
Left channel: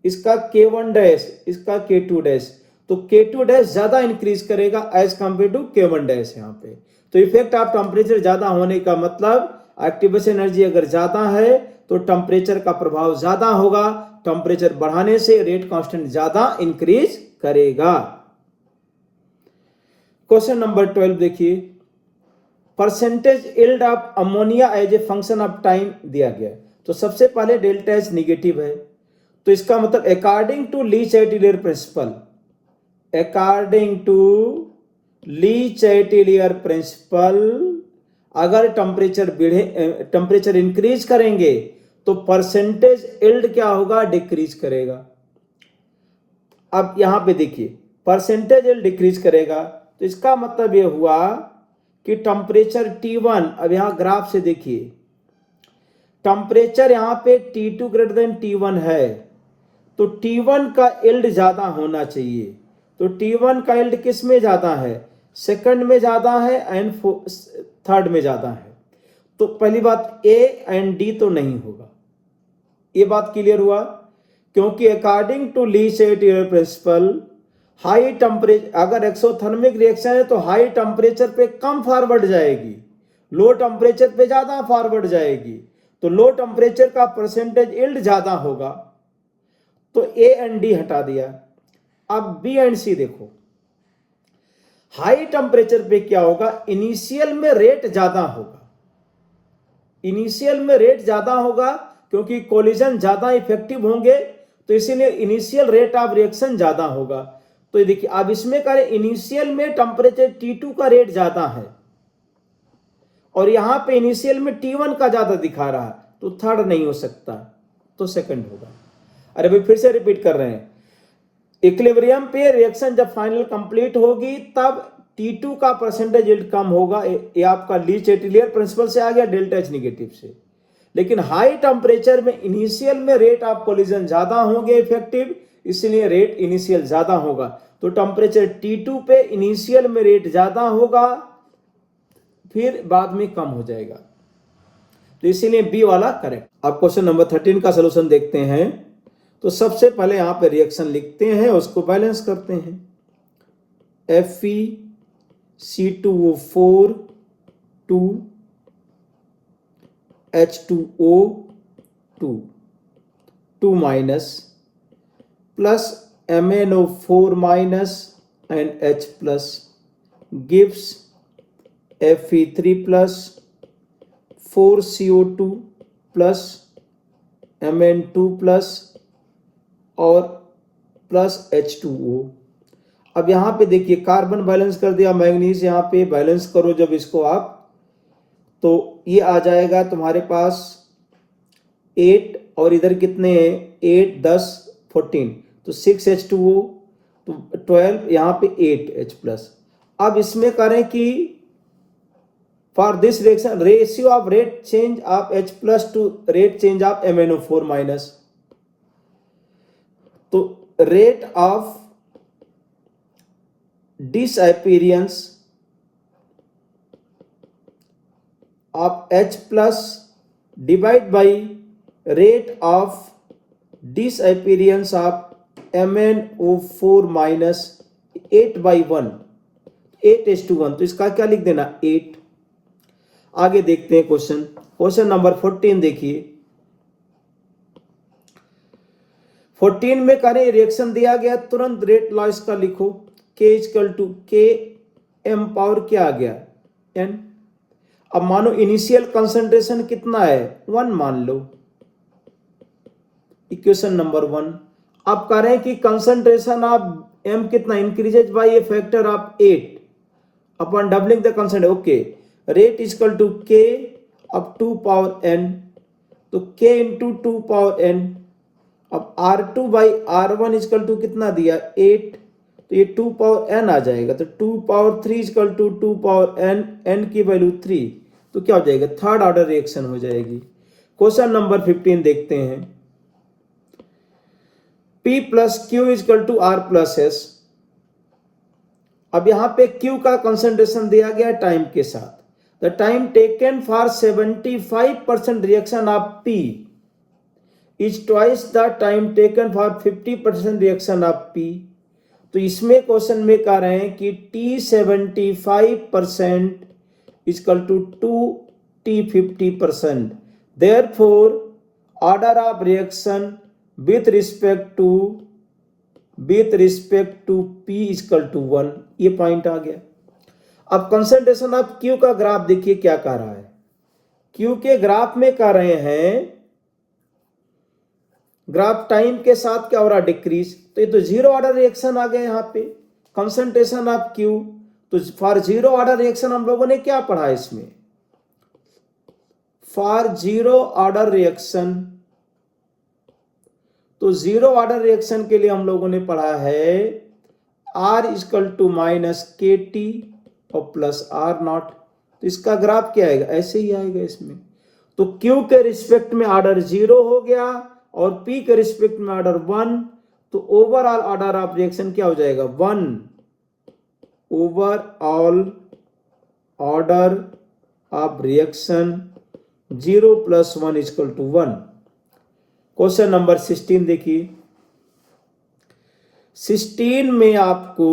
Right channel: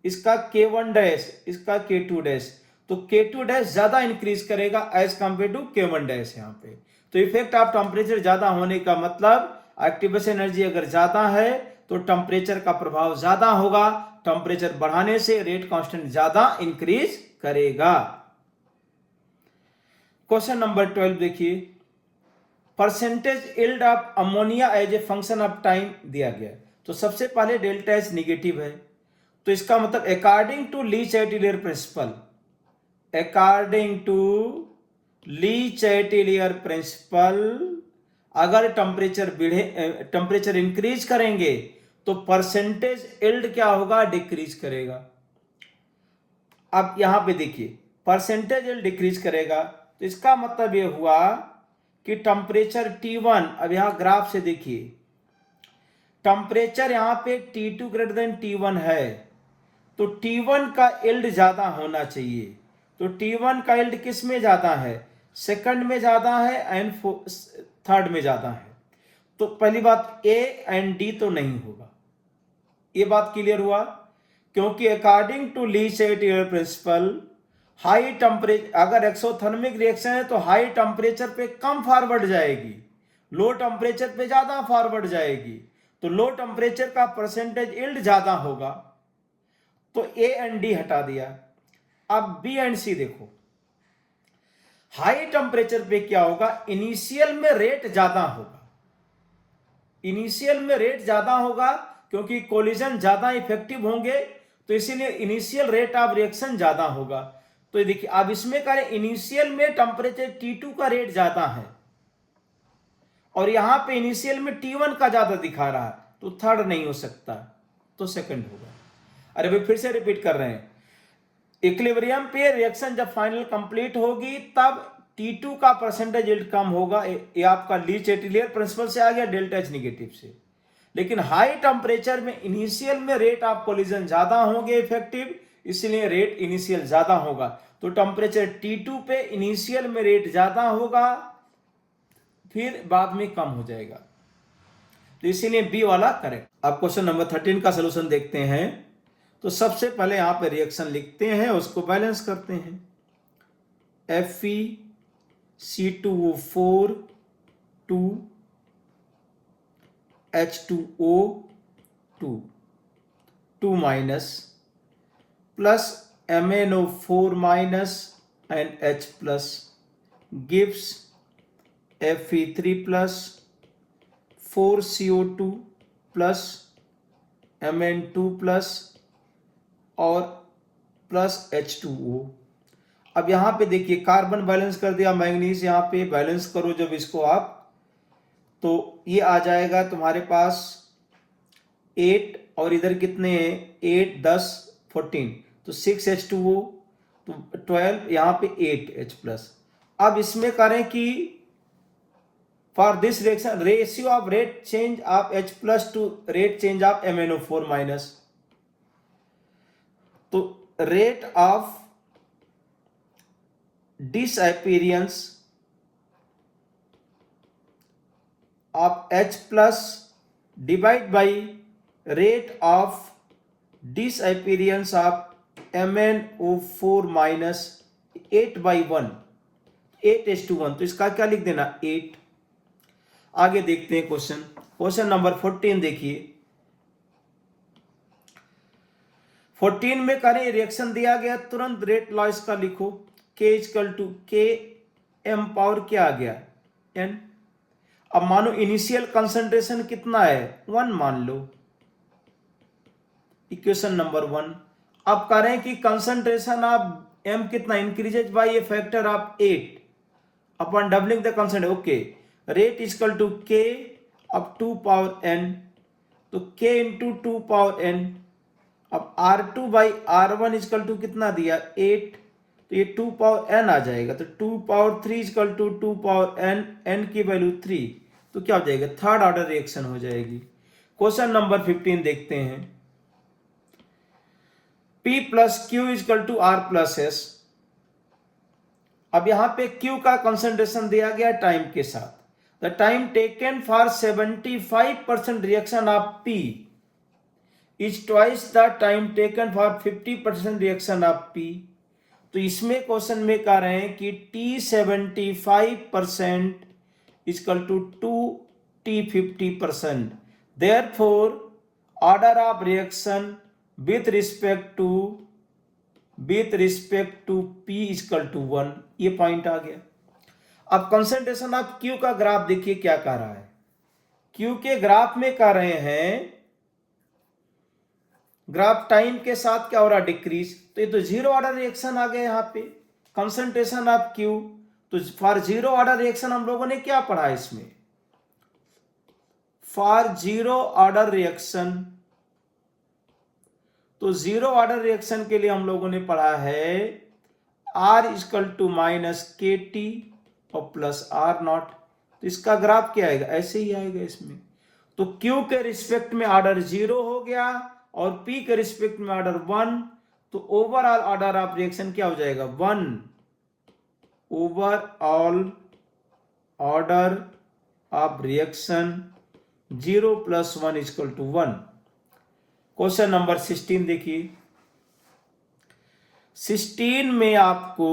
इसका K1 डैश, इसका K2 डैश, तो K2 डैश ज्यादा इंक्रीज करेगा as compare to K1 dash यहाँ पे। तो इफेक्ट ऑफ टेम्परेचर ज्यादा होने का मतलब एक्टिवेशन एनर्जी अगर ज्यादा है तो टेम्परेचर का प्रभाव ज्यादा होगा, टेम्परेचर बढ़ाने से रेट कांस्टेंट ज्यादा इंक्रीज करेगा। क्वेश्चन नंबर 12 देखिए, percentage yield of ammonia as a function of time दिया गया। तो सबसे पहले डेल्टा एच निगेटिव है, तो इसका मतलब according to Le Chatelier principle, according to Le Chatelier principle अगर टेम्परेचर इंक्रीज करेंगे तो परसेंटेज यील्ड क्या होगा डिक्रीज करेगा। अब यहां पे देखिए परसेंटेज यील्ड डिक्रीज करेगा, तो इसका मतलब यह हुआ कि टेम्परेचर T1, अब यहां ग्राफ से देखिए टेम्परेचर यहां पे T2 ग्रेटर देन T1 है, तो T1 का यील्ड ज्यादा होना चाहिए। तो T1 का यील्ड किस में ज्यादा है, सेकंड में ज्यादा है एंड थर्ड में ज्यादा है। तो पहली बात A एंड D तो नहीं होगा, ये बात क्लियर हुआ, क्योंकि according to Le Chatelier principle high temperature अगर एक्सोथर्मिक रिएक्शन है तो हाई टेम्परेचर पे कम फॉरवर्ड जाएगी, लो टेम्परेचर पे ज्यादा फॉरवर्ड जाएगी, तो लो टेम्परेचर का परसेंटेज यील्ड ज्यादा होगा। तो ए एंड डी हटा दिया। अब बी एंड सी देखो, हाई टेम्परेचर पे क्या होगा, इनिशियल में रेट ज्यादा होगा, इनिशियल में रेट ज्यादा होगा क्योंकि कोलिजन ज्यादा इफेक्टिव होंगे, तो इसीलिए इनिशियल रेट ऑफ रिएक्शन ज्यादा होगा। तो ये देखिए अब इसमें करें इनिशियल में टेम्परेचर T2 का रेट ज्यादा है और यहां पे इनिशियल में T1 का ज्यादा दिखा रहा है, तो थर्ड नहीं हो सकता, तो सेकंड होगा। अरे भाई फिर से रिपीट कर रहे हैं, इक्विलिब्रियम पे रिएक्शन जब फाइनल कंप्लीट होगी तब T2 का परसेंटेज यील्ड कम होगा, ये आपका ली चैटिलियर प्रिंसिपल से आ गया, डेल्टा एच निगेटिव से। लेकिन हाई टेम्परेचर में इनिशियल में रेट ऑफ कोलिजन ज्यादा होंगे इफेक्टिव, इसलिए रेट इनिशियल ज्यादा होगा। तो टेम्परेचर T2 पे इनिशियल में रेट ज्यादा होगा फिर बाद में कम हो जाएगा, तो इसीलिए बी वाला करेक्ट। अब क्वेश्चन नंबर 13 का सोल्यूशन देखते हैं। तो सबसे पहले यहां पे रिएक्शन लिखते हैं, उसको बैलेंस करते हैं। FeC2O4 2 H2O2 2 minus plus MnO4 minus and H plus gives Fe3 plus 4CO2 plus Mn2 plus और प्लस H2O। अब यहां पे देखिए कार्बन बैलेंस कर दिया, मैग्नीज यहां पे बैलेंस करो जब इसको आप, तो ये आ जाएगा तुम्हारे पास 8 और इधर कितने हैं 8 10 14, तो 6 H2O, तो 12, यहां पे 8 H प्लस। अब इसमें करें कि For this reaction, ratio of rate change of H plus to rate change of MnO4 minus. तो rate of disappearance of H plus divide by rate of disappearance of MnO4 minus 8/1, 8:1। तो इसका क्या लिख देना 8। आगे देखते हैं क्वेश्चन नंबर 14 देखिए। 14 में करें रिएक्शन दिया गया, तुरंत रेट लॉ इसका लिखो, K इक्वल टू के एम पावर क्या आ गया N। अब मानो इनिशियल कंसंट्रेशन कितना है 1 मान लो, इक्वेशन नंबर 1। अब कह रहे हैं कि कंसंट्रेशन ऑफ M कितना increases by a factor of 8 upon doubling the concentration. Okay, rate equal to K up 2 power N, तो K इंटू 2 पावर N। अब R2 by R1 equal to कितना दिया 8, तो ये 2 पावर N आ जाएगा, तो 2 power 3 equal to 2 power N, N की value 3, तो क्या हो जाएगा थर्ड ऑर्डर रिएक्शन हो जाएगी। क्वेश्चन नंबर 15 देखते हैं। P plus Q equal to R plus S. अब यहां पे Q का कंसंट्रेशन दिया गया टाइम के साथ। The time taken for 75% reaction of P is twice the time taken for 50% reaction of P। तो इसमें क्वेश्चन में कह रहे हैं कि T 75% equal to 2T 50%। Therefore order of reaction with respect to P equal to 1, ये point आ गया। अब कंसंट्रेशन ऑफ Q का ग्राफ देखिए क्या कर रहा है। Q के ग्राफ में कर रहे हैं, ग्राफ टाइम के साथ क्या हो रहा है डिक्रीज, तो ये तो जीरो ऑर्डर रिएक्शन आ गया यहां पे कंसंट्रेशन ऑफ Q। तो फॉर जीरो ऑर्डर रिएक्शन हम लोगों ने क्या पढ़ा है इसमें, फॉर जीरो ऑर्डर रिएक्शन, तो जीरो ऑर्डर रिएक्शन के लिए हम लोगों ने पढ़ा है R इक्वल टू माइनस के टी और प्लस R नॉट। तो इसका ग्राफ क्या आएगा, ऐसे ही आएगा इसमें। तो Q के रिस्पेक्ट में ऑर्डर 0 हो गया और P के रिस्पेक्ट में ऑर्डर 1, तो ओवरऑल ऑर्डर ऑफ रिएक्शन क्या हो जाएगा 1। Overall order of reaction 0 plus 1 equal to 1। Question number 16 देखिए। 16 में आपको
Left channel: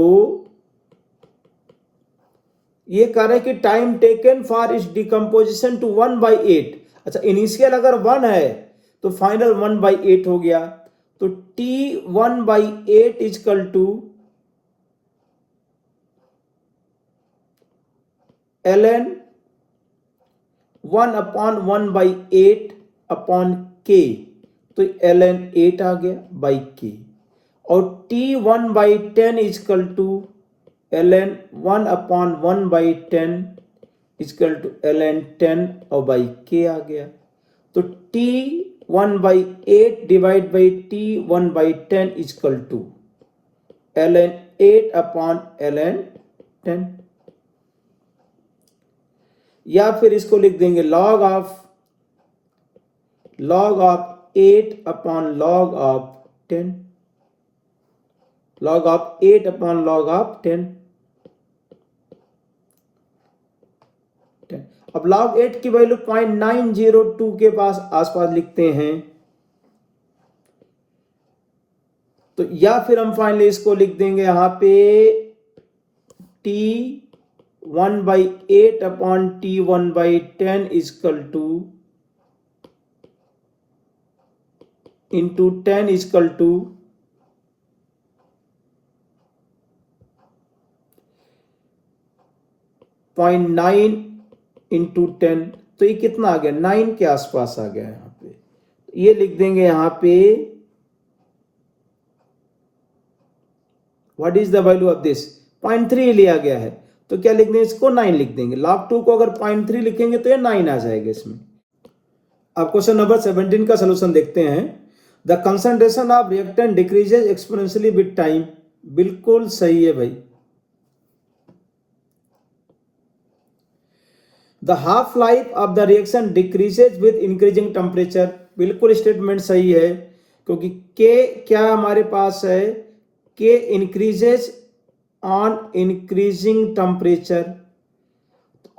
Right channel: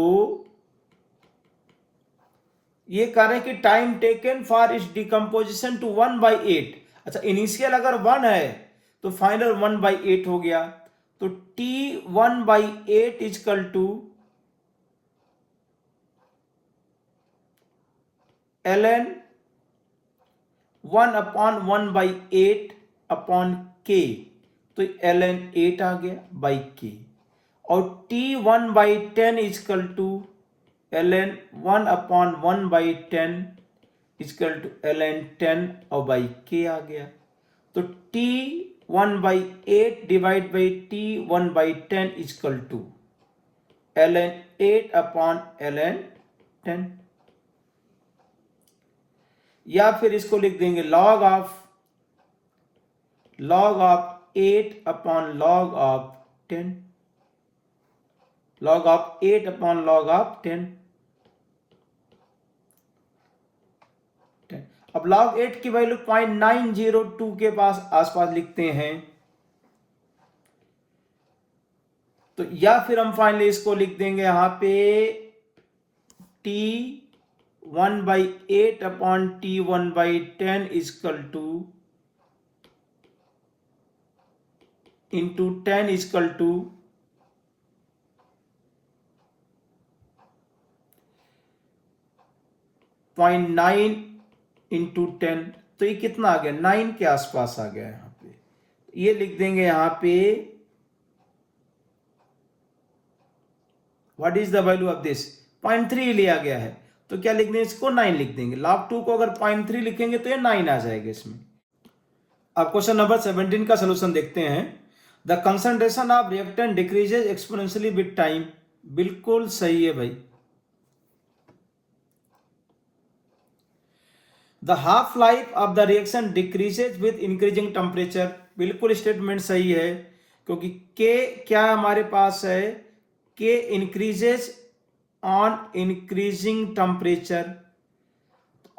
ये कह रहे हैं कि टाइम टेकन फॉर इस डिकम्पोजिशन टू 1/8। अच्छा, इनिशियल अगर 1 है तो फाइनल 1/8 हो गया, तो T 1/8 equal to ln 1 upon 1/8 upon K, तो ln 8 आ गया बाई K। और T 1/10 equal to ln 1 upon 1/10 equal to ln 10 और बाई K आ गया। तो T 1/8 divide by T 1/10 equal to ln 8 upon ln 10, या फिर इसको लिख देंगे log of 8 upon log of 10, log of 8 upon log of 10। अब log 8 की वैल्यू 0.902 के पास आसपास लिखते हैं, तो या फिर हम फाइनली इसको लिख देंगे यहां पे T 1/8 upon T 1/10 equal to into 10 equal to 0.9 into 10, तो ये कितना आ गया 9 के आसपास आ गया यहां पे। ये लिख देंगे यहां पे what is the value of this, 0.3 लिया गया है, तो क्या लिख देंगे इसको 9 लिख देंगे। log 2 को अगर 0.3 लिखेंगे तो ये 9 आ जाएगा इसमें। अब क्वेश्चन नंबर 17 का सोल्यूशन देखते हैं। The concentration of reactant decreases exponentially with time. बिल्कुल सही है भाई। The half life of the reaction decreases with increasing temperature. बिल्कुल स्टेटमेंट सही है, क्योंकि के क्या हमारे पास है, के इंक्रीजेज ऑन इंक्रीजिंग टेम्परेचर,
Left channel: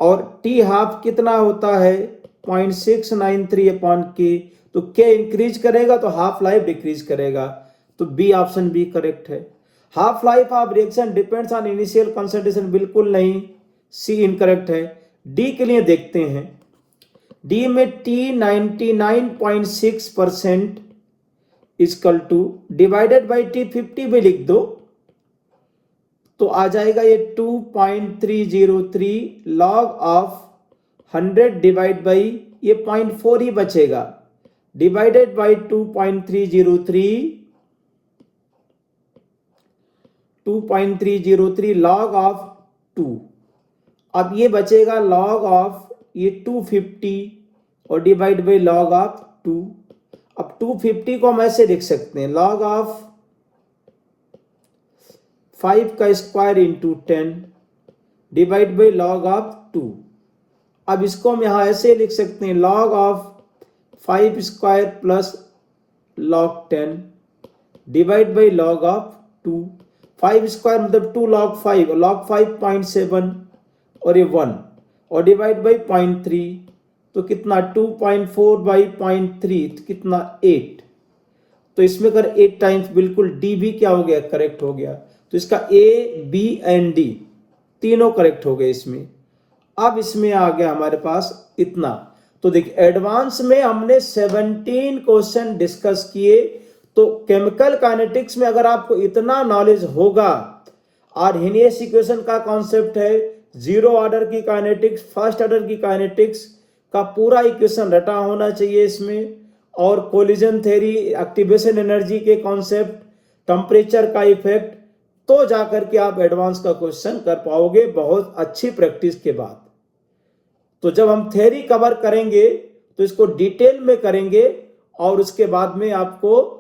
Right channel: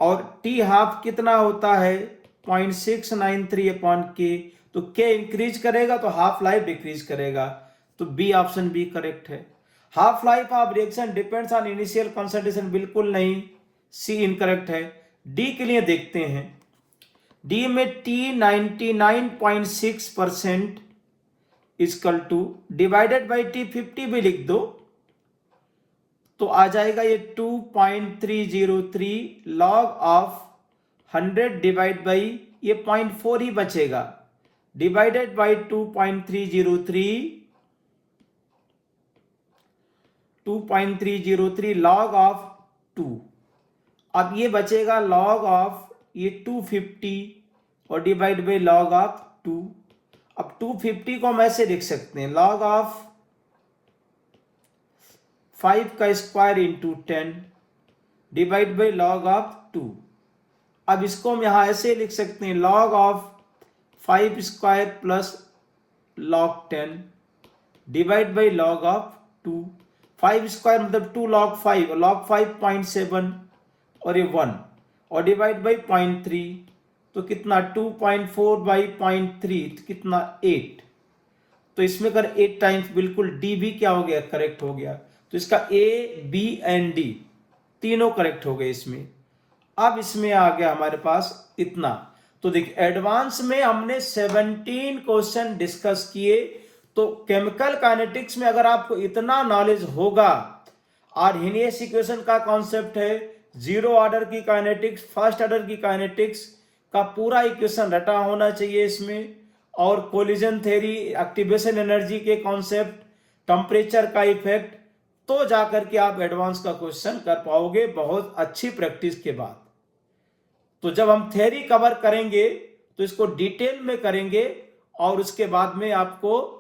और टी हाफ कितना होता है 0.693 अपॉन के, तो के इंक्रीज करेगा तो हाफ लाइफ डिक्रीज करेगा, तो बी ऑप्शन बी करेक्ट है। Half life of reaction depends on initial concentration, बिल्कुल नहीं, सी इनकरेक्ट है। डी के लिए देखते हैं, डी में T 99.6% equal two divided by T 50 भी लिख दो तो आ जाएगा ये 2.303 लॉग ऑफ 100 डिवाइड बाई ये 0.4 ही बचेगा, डिवाइडेड बाई 2.303 लॉग ऑफ 2। अब ये बचेगा लॉग ऑफ ये 250 और डिवाइड बाई लॉग ऑफ 2। अब 250 को हम ऐसे लिख सकते हैं, लॉग ऑफ 5 का square into 10 divide by log of 2। अब इसको हम यहां ऐसे लिख सकते हैं, log of 5 square plus log 10 divide by log of 2। 5 square मतलब 2 लॉग 5 और लॉग 5 0.7 और ये 1 और डिवाइड बाई 0.3 तो कितना 2.4 बाई 0.3 तो कितना 8। तो इसमें अगर 8 टाइम्स बिल्कुल डी भी क्या हो गया, करेक्ट हो गया। तो इसका ए बी एंड डी तीनों करेक्ट हो गए इसमें। अब इसमें आ गया हमारे पास इतना। तो देखिए एडवांस में हमने 17 क्वेश्चन डिस्कस किए। तो केमिकल काइनेटिक्स में अगर आपको इतना नॉलेज होगा, आर्हेनियस इक्वेशन का कॉन्सेप्ट है, जीरो ऑर्डर की काइनेटिक्स, फर्स्ट ऑर्डर की काइनेटिक्स का पूरा इक्वेशन रटा होना चाहिए इसमें, और कोलिजन थ्योरी, एक्टिवेशन एनर्जी के कॉन्सेप्ट, टेम्परेचर का इफेक्ट, तो जाकर के आप एडवांस का क्वेश्चन कर पाओगे बहुत अच्छी प्रैक्टिस के बाद। तो जब हम थ्योरी कवर करेंगे तो इसको डिटेल में करेंगे और उसके बाद में आपको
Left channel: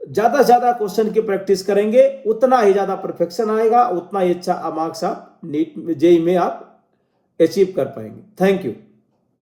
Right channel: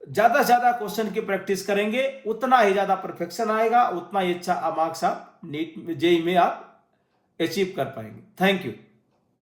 ज्यादा से ज्यादा क्वेश्चन की प्रैक्टिस करेंगे, उतना ही ज्यादा परफेक्शन आएगा, उतना ही अच्छा मार्क्स आप नीट जेईई में आप अचीव कर पाएंगे। Thank you.